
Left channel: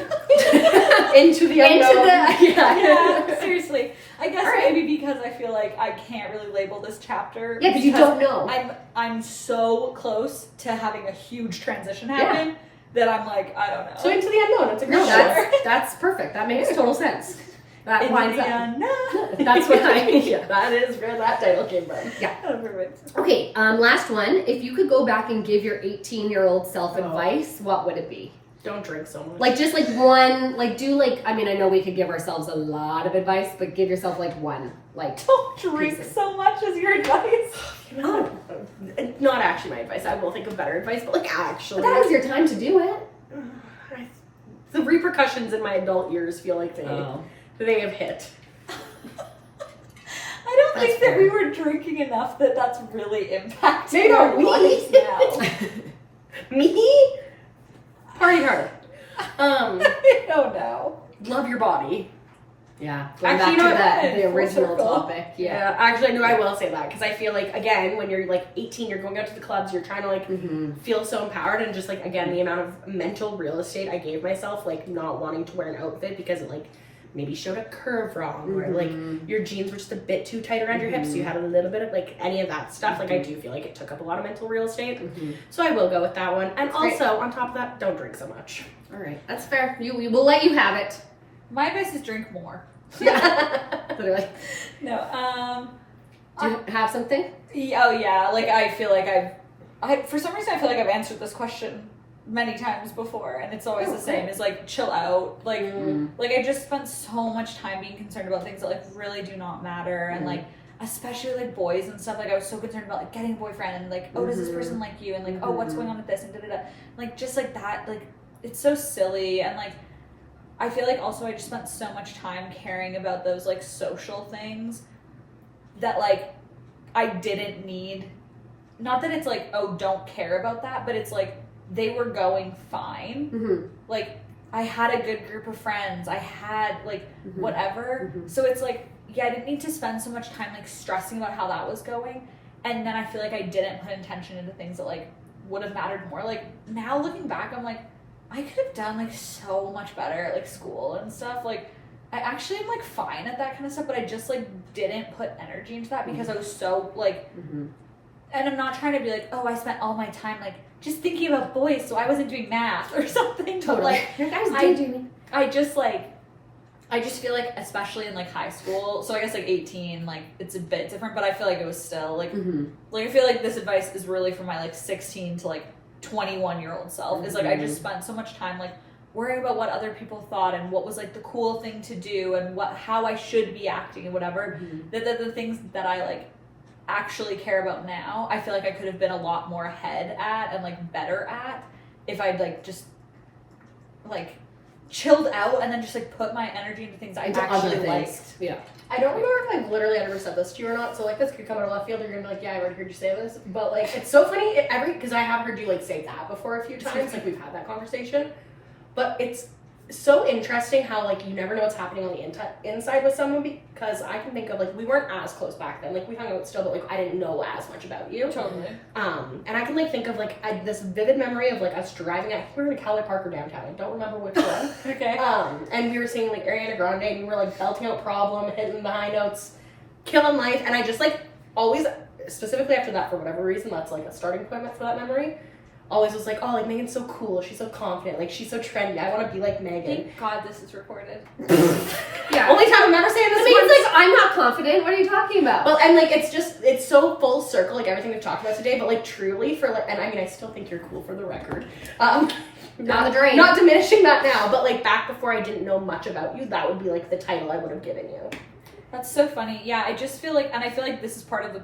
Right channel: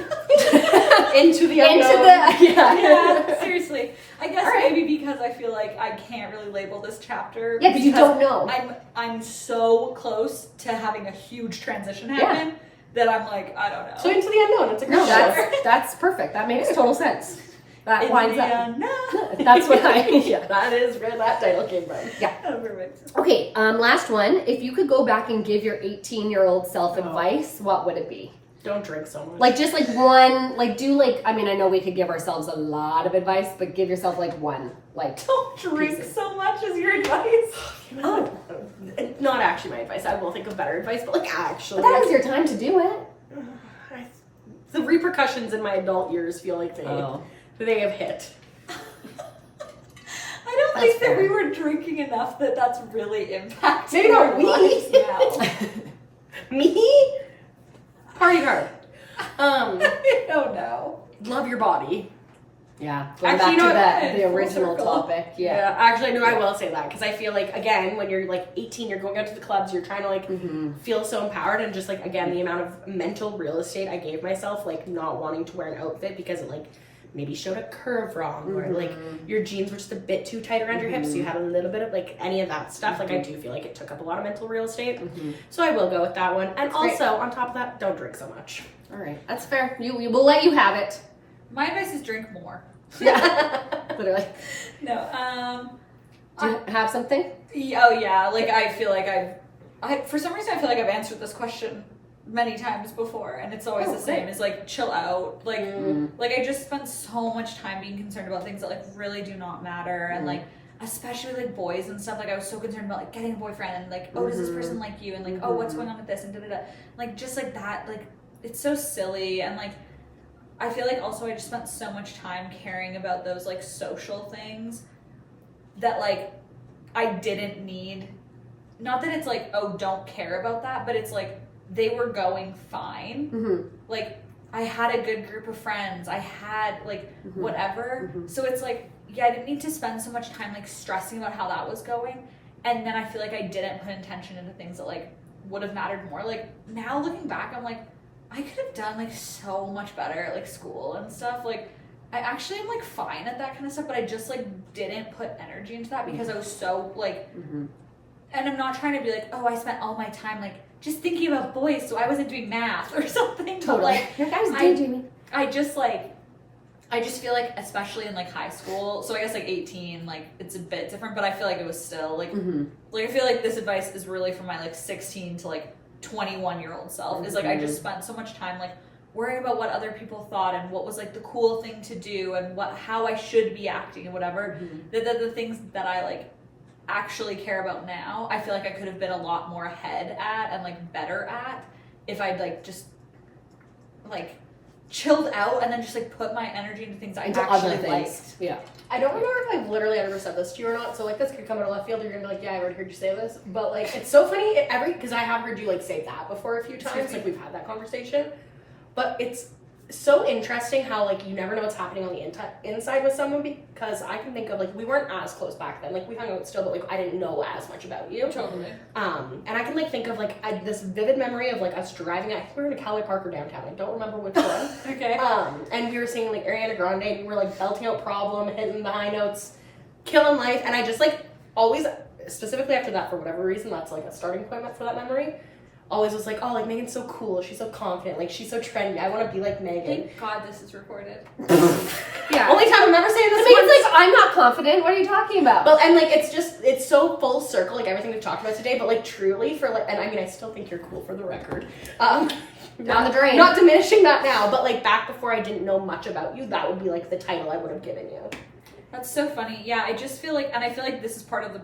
Into the unknown. Yeah, seriously. I guess All right. maybe because I feel like I can't really label this chapter. Yeah, because you don't know. I'm so close to having a huge transition happen that I'm like, I don't know. So into the unknown. It's a great No, show. that's perfect. That makes total sense. That Into lines the up. unknown. That's what I. Yeah, that is where that title came from. Perfect. Okay, last one. If you could go back and give your 18-year-old self advice, what would it be? Don't drink so much. Like, just like one, like, do like, I mean, I know we could give ourselves a lot of advice, but give yourself like one. Like, Don't drink so much as your advice. Oh, not actually my advice. I will think of better advice, but like actually. but that was your time to do it. The repercussions in my adult years feel like they have hit. I don't think that we were drinking enough that's really impacting Maybe not our we. lives now. Me? Party hard. I don't know. Love your body. Yeah. Going Actually, back you to know the what? original Full circle. topic. Yeah. Actually, no, I will say that because I feel like, again, when you're like 18, you're going out to the clubs, you're trying to like feel so empowered, and just like, again, the amount of mental real estate I gave myself, like not wanting to wear an outfit because it like maybe showed a curve wrong, or like your jeans were just a bit too tight around your hips, so you had a little bit of like any of that stuff. Like, I do feel like it took up a lot of mental real estate. So I will go with that one. And also, on top of that, don't drink so much. All right. That's fair. We will let you have it. My advice is drink more. Literally. No, Do you have something? oh yeah, like I feel like I for some reason I feel like I've answered this question many times before, and it's always the same. It's like chill out, like like I just spent so much time being concerned about things that like really do not matter, and like especially like boys and stuff. Like I was so concerned about like getting a boyfriend, and like, oh, does this person like you, and like, oh, what's going on with this, and da. Like just like that, like it's so silly, and like I feel like also I just spent so much time caring about those like social things that like I didn't need. Not that it's like, oh, don't care about that, but it's like they were going fine. Like I had a good group of friends. I had like whatever. So it's like, yeah, I didn't need to spend so much time like stressing about how that was going. And then I feel like I didn't put intention into things that like would have mattered more. Like now looking back, I'm like, I could have done like so much better at like school and stuff. Like I actually am like fine at that kind of stuff, but I just like didn't put energy into that because I was so like, and I'm not trying to be like, oh, I spent all my time like just thinking about boys, so I wasn't doing math or something. But like, I just like, I just feel like, especially in like high school, so I guess like 18, like it's a bit different, but I feel like it was still like, like I feel like this advice is really for my like 16 to like 21-year-old self. Is like I just spent so much time like worrying about what other people thought and what was like the cool thing to do and how I should be acting and whatever. That the things that I like actually care about now, I feel like I could have been a lot more ahead at and like better at if I'd like just like chilled out and then just like put my energy into things I actually liked. Yeah. I don't remember if I've literally ever said this to you or not, so like this could come out of left field. You're gonna be like, yeah, I already heard you say this, but like it's so funny because I have heard you like say that before a few times. Like we've had that conversation, but it's so interesting how like you never know what's happening on the inside with someone, because I can think of like we weren't as close back then. Like we hung out still, but like I didn't know as much about you. Totally. And I can like think of like this vivid memory of like us driving. I think we were in Cali Park or downtown. I don't remember which one. Okay. And we were singing like Ariana Grande, and you were like belting out Problem, hitting the high notes, killing life. And I just like always, specifically after that, for whatever reason, that's like a starting point for that memory. Always was like, oh, like Megan's so cool. She's so confident. Like she's so trendy. I want to be like Megan. Thank God this is recorded. Yeah. Only time I'm ever saying this. It's like, I'm not confident. What are you talking about? Well, and like it's so full circle, like everything we've talked about today. But like truly, for like, and I mean, I still think you're cool for the record. Down the drain. Not diminishing that now, but like back before I didn't know much about you, that would be like the title I would have given you. That's so funny. Yeah, I just feel like, and I feel like this is part of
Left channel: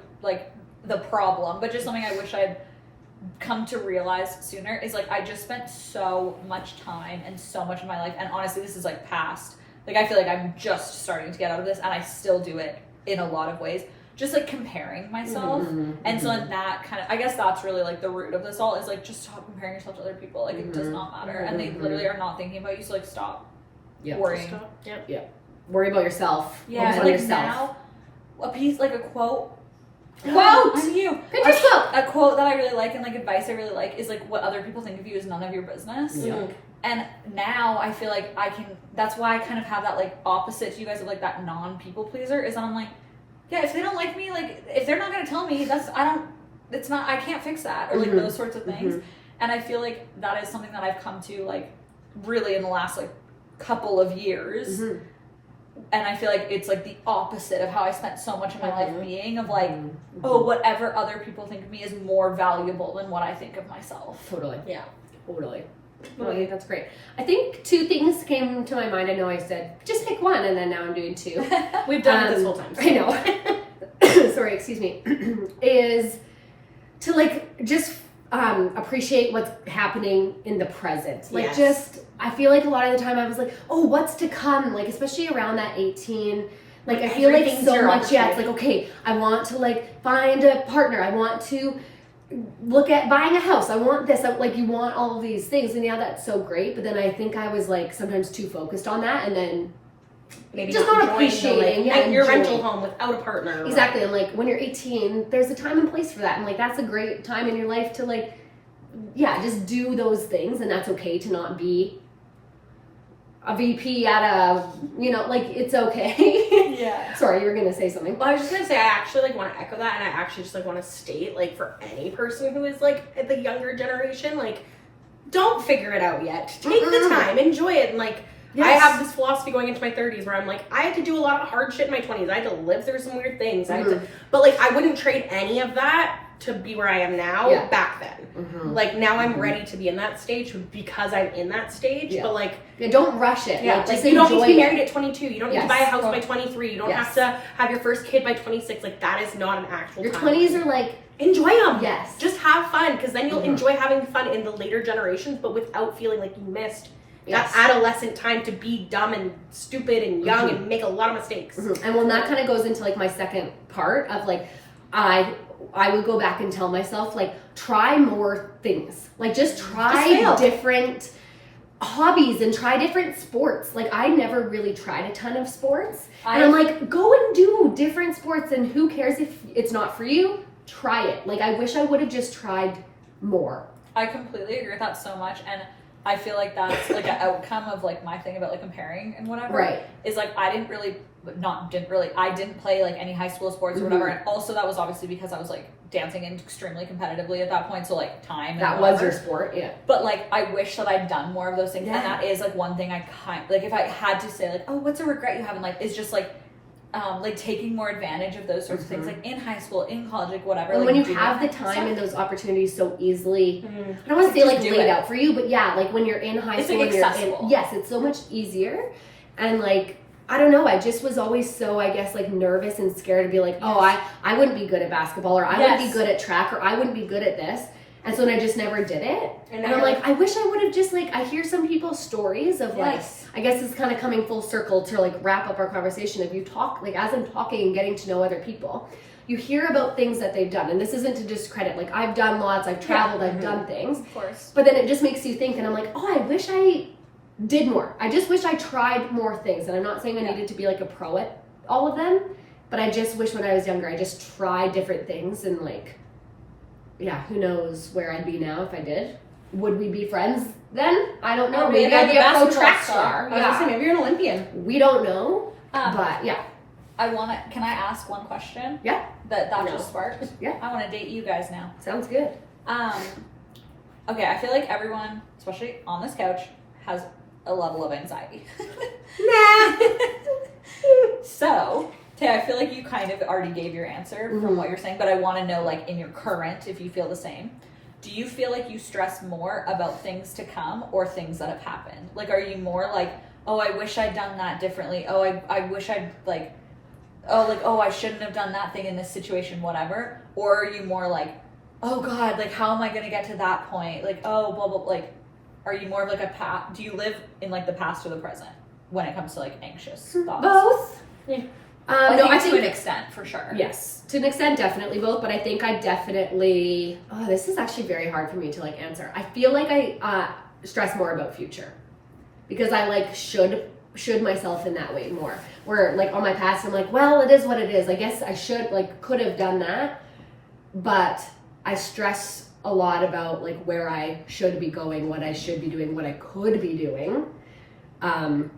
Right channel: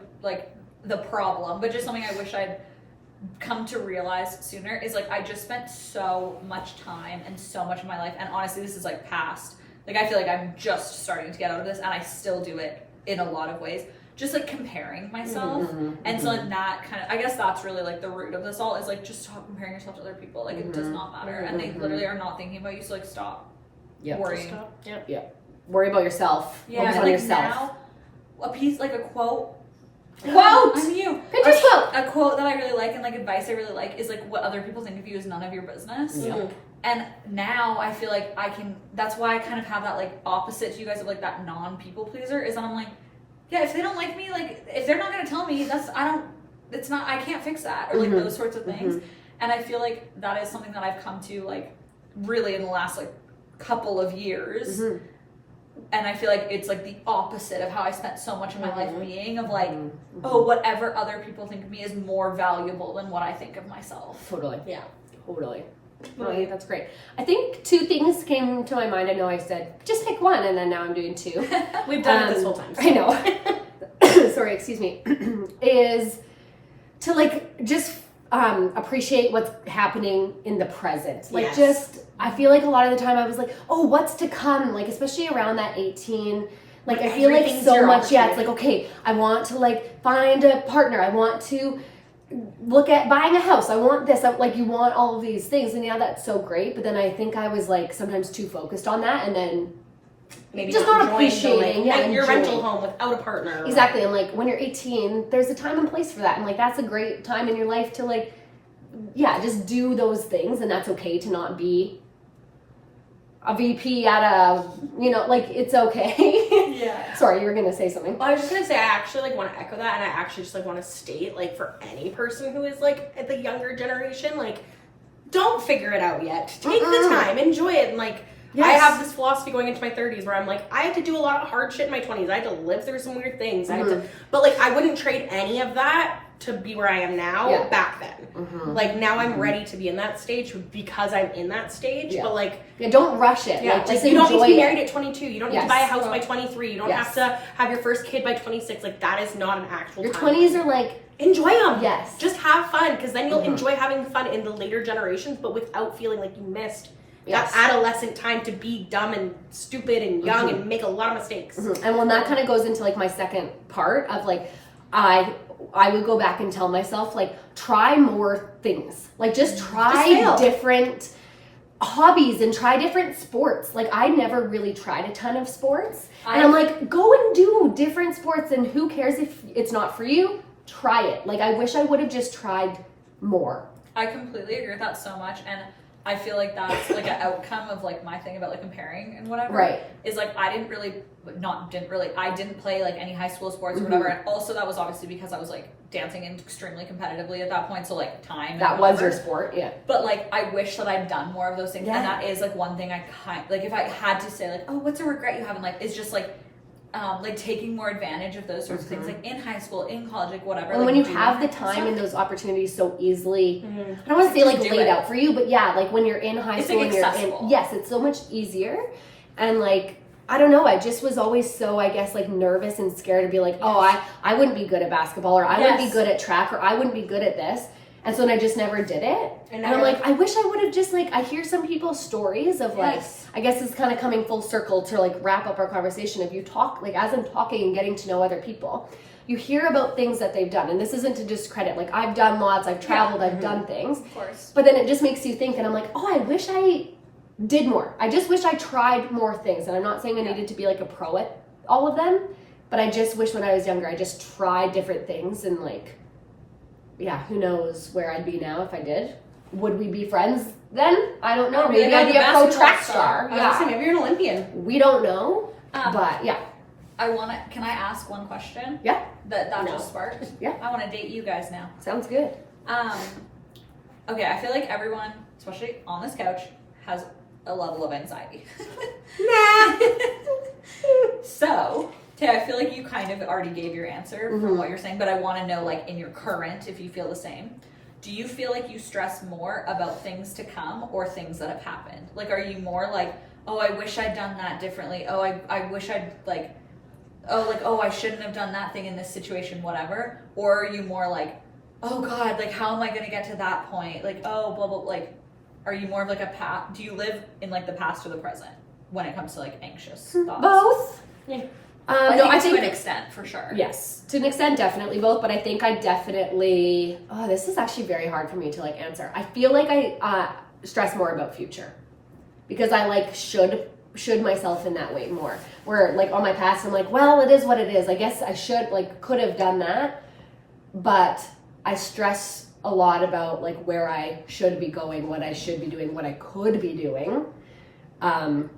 the problem, but just something I wish I'd come to realize sooner is like I just spent so much time and so much of my life, and honestly this is like past, like I feel like I'm just starting to get out of this, and I still do it in a lot of ways, just like comparing myself. And so like that kind of, I guess that's really like the root of this all, is like just stop comparing yourself to other people. Like it does not matter, and they literally are not thinking about you, so like stop worrying. Worry about yourself. Yeah, Focus and on like yourself. now a piece, like a quote. I'm you. Pinterest quote. A quote that I really like and like advice I really like is like, what other people think of you is none of your business. And now I feel like I can, that's why I kind of have that like opposite to you guys of like that non-people pleaser, is that I'm like, yeah, if they don't like me, like if they're not going to tell me, I can't fix that, or like those sorts of things. And I feel like that is something that I've come to like really in the last like couple of years. And I feel like it's like the opposite of how I spent so much of my life being, of like, oh, whatever other people think of me is more valuable than what I think of myself. Totally. Yeah. Totally. Well, I think that's great. I think 2 things came to my mind. I know I said just pick one, and then now I'm doing 2. We've done it this whole time. So. I know. Sorry, excuse me. Is to like just appreciate what's happening in the present. Like just, I feel like a lot of the time I was like, oh, what's to come? Like especially around that 18. Like I feel like so much. Yeah, it's like okay, I want to like find a partner. I want to look at buying a house. I want this. Like you want all of these things, and yeah, that's so great. But then I think I was like sometimes too focused on that, and then maybe just not appreciating your rental home without a partner. Exactly. And like when you're 18, there's a time and place for that, and like that's a great time in your life to like, yeah, just do those things, and that's okay to not be a VP at a, you know, like it's okay. Yeah. Sorry, you were gonna say something. Well, I was just gonna say I actually like want to echo that, and I actually just like want to state like for any person who is like at the younger generation, like don't figure it out yet. Take the time, enjoy it, and like I have this philosophy going into my 30s where I'm like I had to do a lot of hard shit in my 20s. I had to live through some weird things. I had to, but like I wouldn't trade any of that to be where I am now back then. Like now I'm ready to be in that stage because I'm in that stage. But like don't rush it. Yeah, like you don't need to be married at 22. You don't need to buy a house by 23. You don't have to have your first kid by 26. Like that is not an actual your time. 20s are like enjoy them. Yes. Just have fun because then you'll enjoy having fun in the later generations, but without feeling like you missed that adolescent time to be dumb and stupid and young and make a lot of mistakes. And when that kind of goes into like my second part of like I would go back and tell myself like try more things. Like just try different hobbies and try different sports. Like I never really tried a ton of sports. And I'm like go and do different sports, and who cares if it's not for you? Try it. Like I wish I would have just tried more. I completely agree with that so much, and I feel like that's like an outcome of like my thing about like comparing and whatever. Right. Is like I didn't play like any high school sports or whatever, and also that was obviously because I was like dancing extremely competitively at that point, so like time that was your sport. But like I wish that I'd done more of those things, and that is like one thing I like if I had to say like, oh, what's a regret you have in life, is just like taking more advantage of those sorts of things, like in high school, in college, like whatever. And like, when you have the time and those opportunities so easily, I don't want to say like laid out for you, but yeah, like when you're in high school, like accessible. Yes, it's so much easier. And like I don't know, I just was always so I guess like nervous and scared to be like, oh, I wouldn't be good at basketball, or I wouldn't be good at track, or I wouldn't be good at this. And so then I just never did it. And I'm like, I wish I would have just like, I hear some people's stories of like, I guess it's kind of coming full circle to like wrap up our conversation. If you talk, like as I'm talking and getting to know other people, you hear about things that they've done. And this isn't to discredit, like I've done lots, I've traveled, I've done things. Of course. But then it just makes you think, and I'm like, oh, I wish I did more. I just wish I tried more things. And I'm not saying I needed to be like a pro at all of them, but I just wish when I was younger, I just tried different things, and like, yeah, who knows where I'd be now if I did. Would we be friends then? I don't know. Maybe I'd be a pro track star. I was gonna say, maybe you're an Olympian. We don't know. But yeah. Can I ask one question? Yeah. That just sparked? Yeah. I want to date you guys now. Sounds good. Okay, I feel like everyone, especially on this couch, has a level of anxiety. Nah. So, Tay, I feel like you kind of already gave your answer from what you're saying, but I want to know, like, in your current, if you feel the same. Do you feel like you stress more about things to come or things that have happened? Like, are you more like, oh, I wish I'd done that differently. Oh, I wish I'd, like, oh, I shouldn't have done that thing in this situation, whatever. Or are you more like, oh, God, like, how am I going to get to that point? Like, oh, blah, blah, like, are you more of, like, do you live in, like, the past or the present when it comes to, like, anxious thoughts? Both. Yeah. I think to an extent, for sure. Yes, to an extent, definitely both. But I think I definitely. Oh, this is actually very hard for me to like answer. I feel like I stress more about future because I like should myself in that way more. Where like on my past, I'm like, well, it is what it is. I guess I could have done that, but I stress a lot about like where I should be going, what I should be doing, what I could be doing.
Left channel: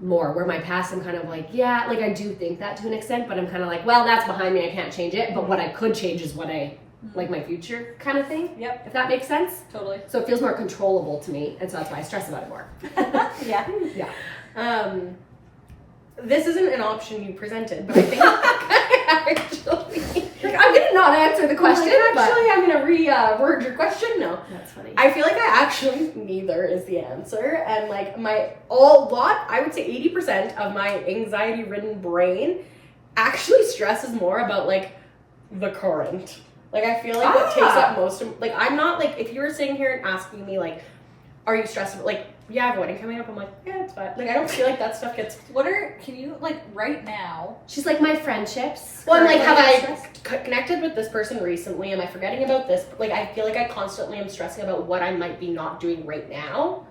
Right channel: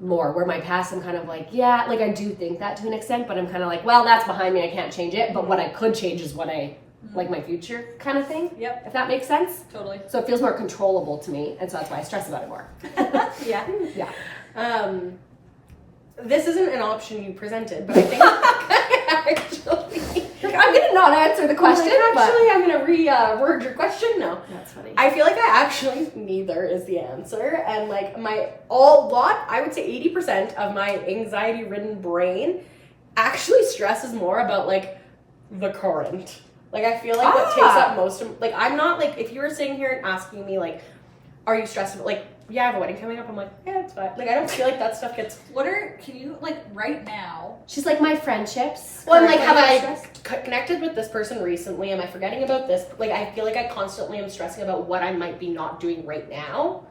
More where my past I'm kind of like, yeah, like I do think that to an extent, but I'm kind of like, well, that's behind me, I can't change it, but what I could change is what I like, my future kind of thing. Yep. If that makes sense. Totally. So it feels more controllable to me, and so that's why I stress about it more. Yeah. This isn't an option you presented, but I think actually I'm gonna did not answer the question. Actually, I'm gonna reword your question. No. That's funny. I feel like I actually neither is the answer, and like I would say 80% of my anxiety-ridden brain actually stresses more about like the current. Like I feel like what takes up most of like I'm not like if you were sitting here and asking me like, are you stressed about like I have a wedding coming up. I'm like, yeah, it's fine. Like I don't feel like that stuff gets. Can you like right now? She's like my friendships. Well, I'm like, have I connected with this person recently? Am I forgetting about this? Like I feel like I constantly am stressing about what I might be not doing right now.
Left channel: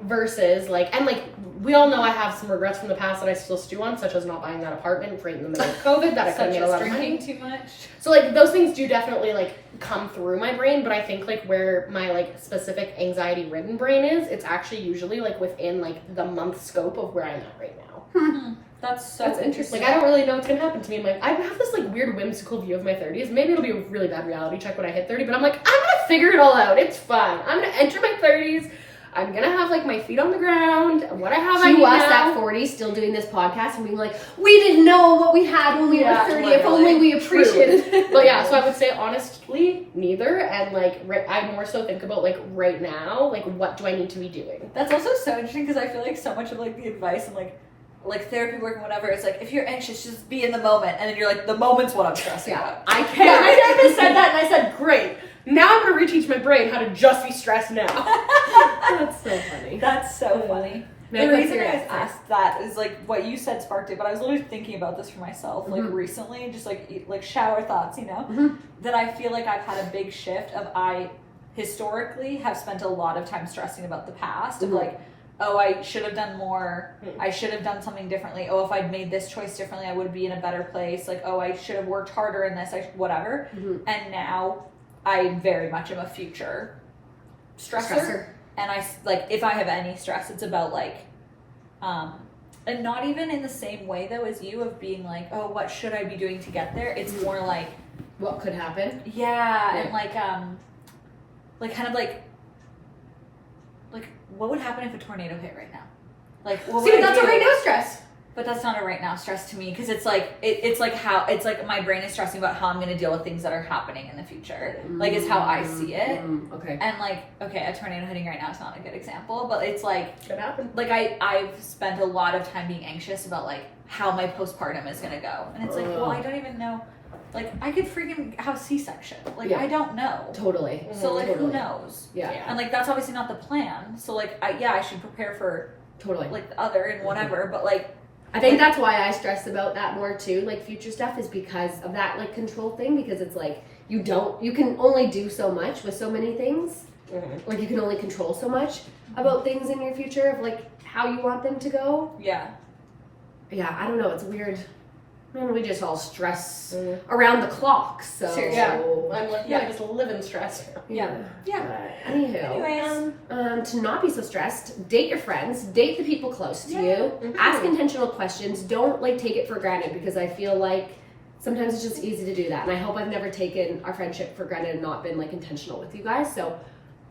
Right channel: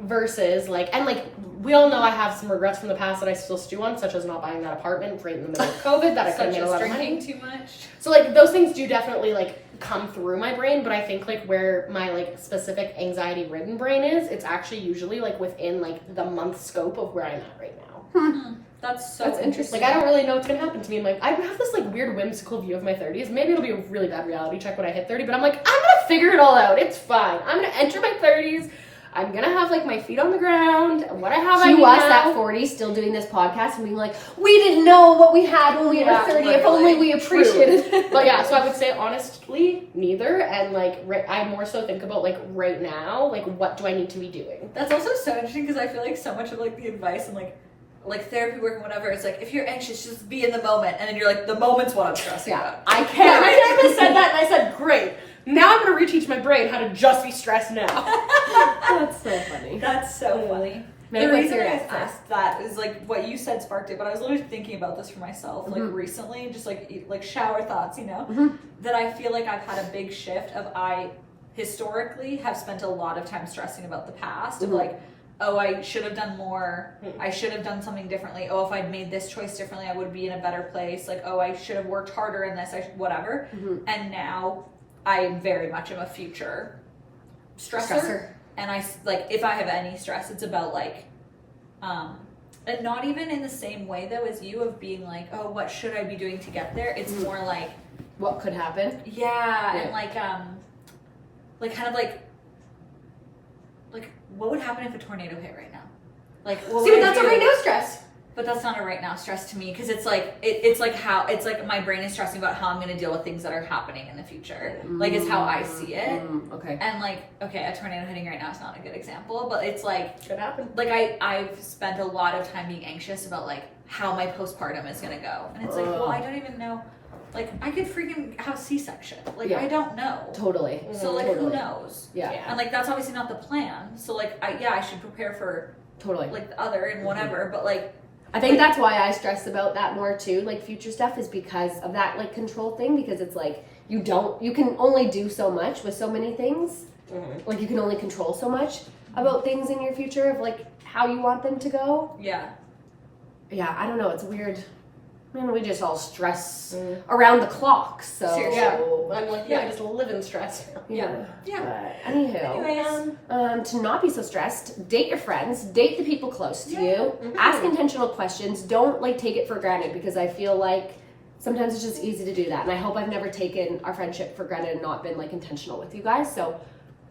Versus like, and like we all know I have some regrets from the past that I still stew on, such as not buying that apartment right in the middle of COVID that I could have made a lot of money. Too much. So like those things do definitely like come through my brain, but I think like where my like specific anxiety ridden brain is, it's actually usually like within like the month scope of where I'm at right now. That's interesting. Like I don't really know what's gonna happen to me. Like I have this like weird whimsical view of my 30s. Maybe it'll be a really bad reality check when I hit 30, but I'm like, I'm gonna figure it all out. It's fine. I'm gonna enter my 30s. I'm gonna have like my feet on the ground. What I have, I need us now. at 40 still doing this podcast and being like, we didn't know what we had when we were 30. If only we appreciated it. But yeah, so I would say honestly, neither. And like, I more so think about like right now, like what do I need to be doing? That's also so interesting because I feel like so much of like the advice and like therapy work and whatever, it's like if you're anxious, just be in the moment, and then you're like, the moment's what I'm stressing about. I can't. Yeah, my therapist said that, and I said, great. Now I'm gonna reteach my brain how to just be stressed now. That's so funny. That's so funny. The reason I asked that is like what you said sparked it, but I was literally thinking about this for myself like recently, just like shower thoughts, that I feel like I've had a big shift of I historically have spent a lot of time stressing about the past of like, oh, I should have done more. I should have done something differently. Oh, if I'd made this choice differently, I would be in a better place. Like, oh, I should have worked harder in this, whatever. And now I very much am a future stressor. And I, like, if I have any stress, it's about, like, and not even in the same way, though, as you of being like, oh, what should I be doing to get there? It's more like... what could happen? Yeah, and, like, kind of, like, what would happen if a tornado hit right now? Like, what see, but that's a right now stress. But that's not a right now stress to me because it's like it's like my brain is stressing about how I'm going to deal with things that are happening in the future. Like is how I see it. Okay. And like a tornado hitting right now is not a good example, but it's like could happen. Like I've spent a lot of time being anxious about like how my postpartum is going to go, and it's like well I don't even know. Like I could freaking have C-section. Like I don't know. Totally. So like who knows? Yeah. And like that's obviously not the plan. So like I should prepare for like the other and whatever. But like. I think that's why I stress about that more too, like future stuff is because of that like control thing, because it's like you can only do so much with so many things. Like you can only control so much about things in your future of like how you want them to go. Yeah, I don't know, it's weird. I mean, we just all stress around the clock, so seriously. Yeah. I'm like, I just live in stress now. Yeah. Anyways, to not be so stressed, date your friends, date the people close to you, ask intentional questions. Don't like take it for granted, because I feel like sometimes it's just easy to do that. And I hope I've never taken our friendship for granted and not been like intentional with you guys. So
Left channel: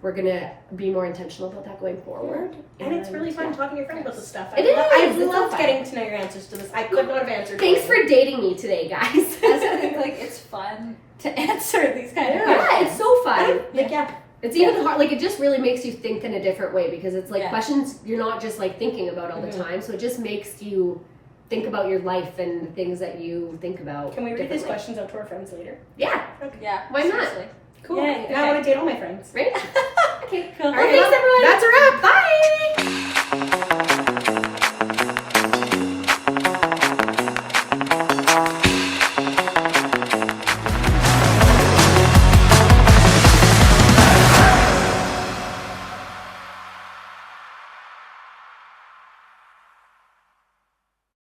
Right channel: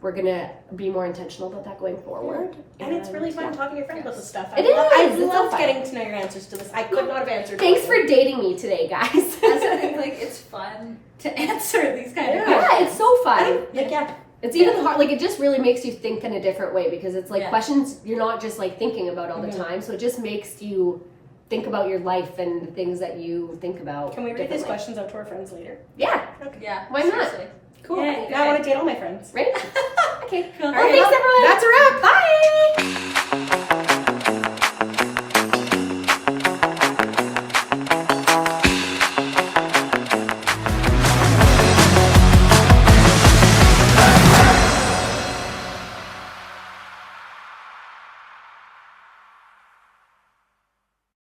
we're gonna be more intentional about that going forward. And it's really fun talking to your friends about this stuff. I love getting to know your answers to this. I could not have answered. Thanks for dating me today, guys. I think like it's fun to answer these kind of questions. Yeah, it's so fun. It's even hard, like it just really makes you think in a different way, because it's like questions you're not just like thinking about all the time, so it just makes you think about your life and the things that you think about. Can we read these questions out to our friends later? Yeah. Okay. Yeah. Why not? Seriously. Cool. Now I want to date all my friends. Right? Okay. Cool. Well, thanks everyone. That's a wrap. Bye.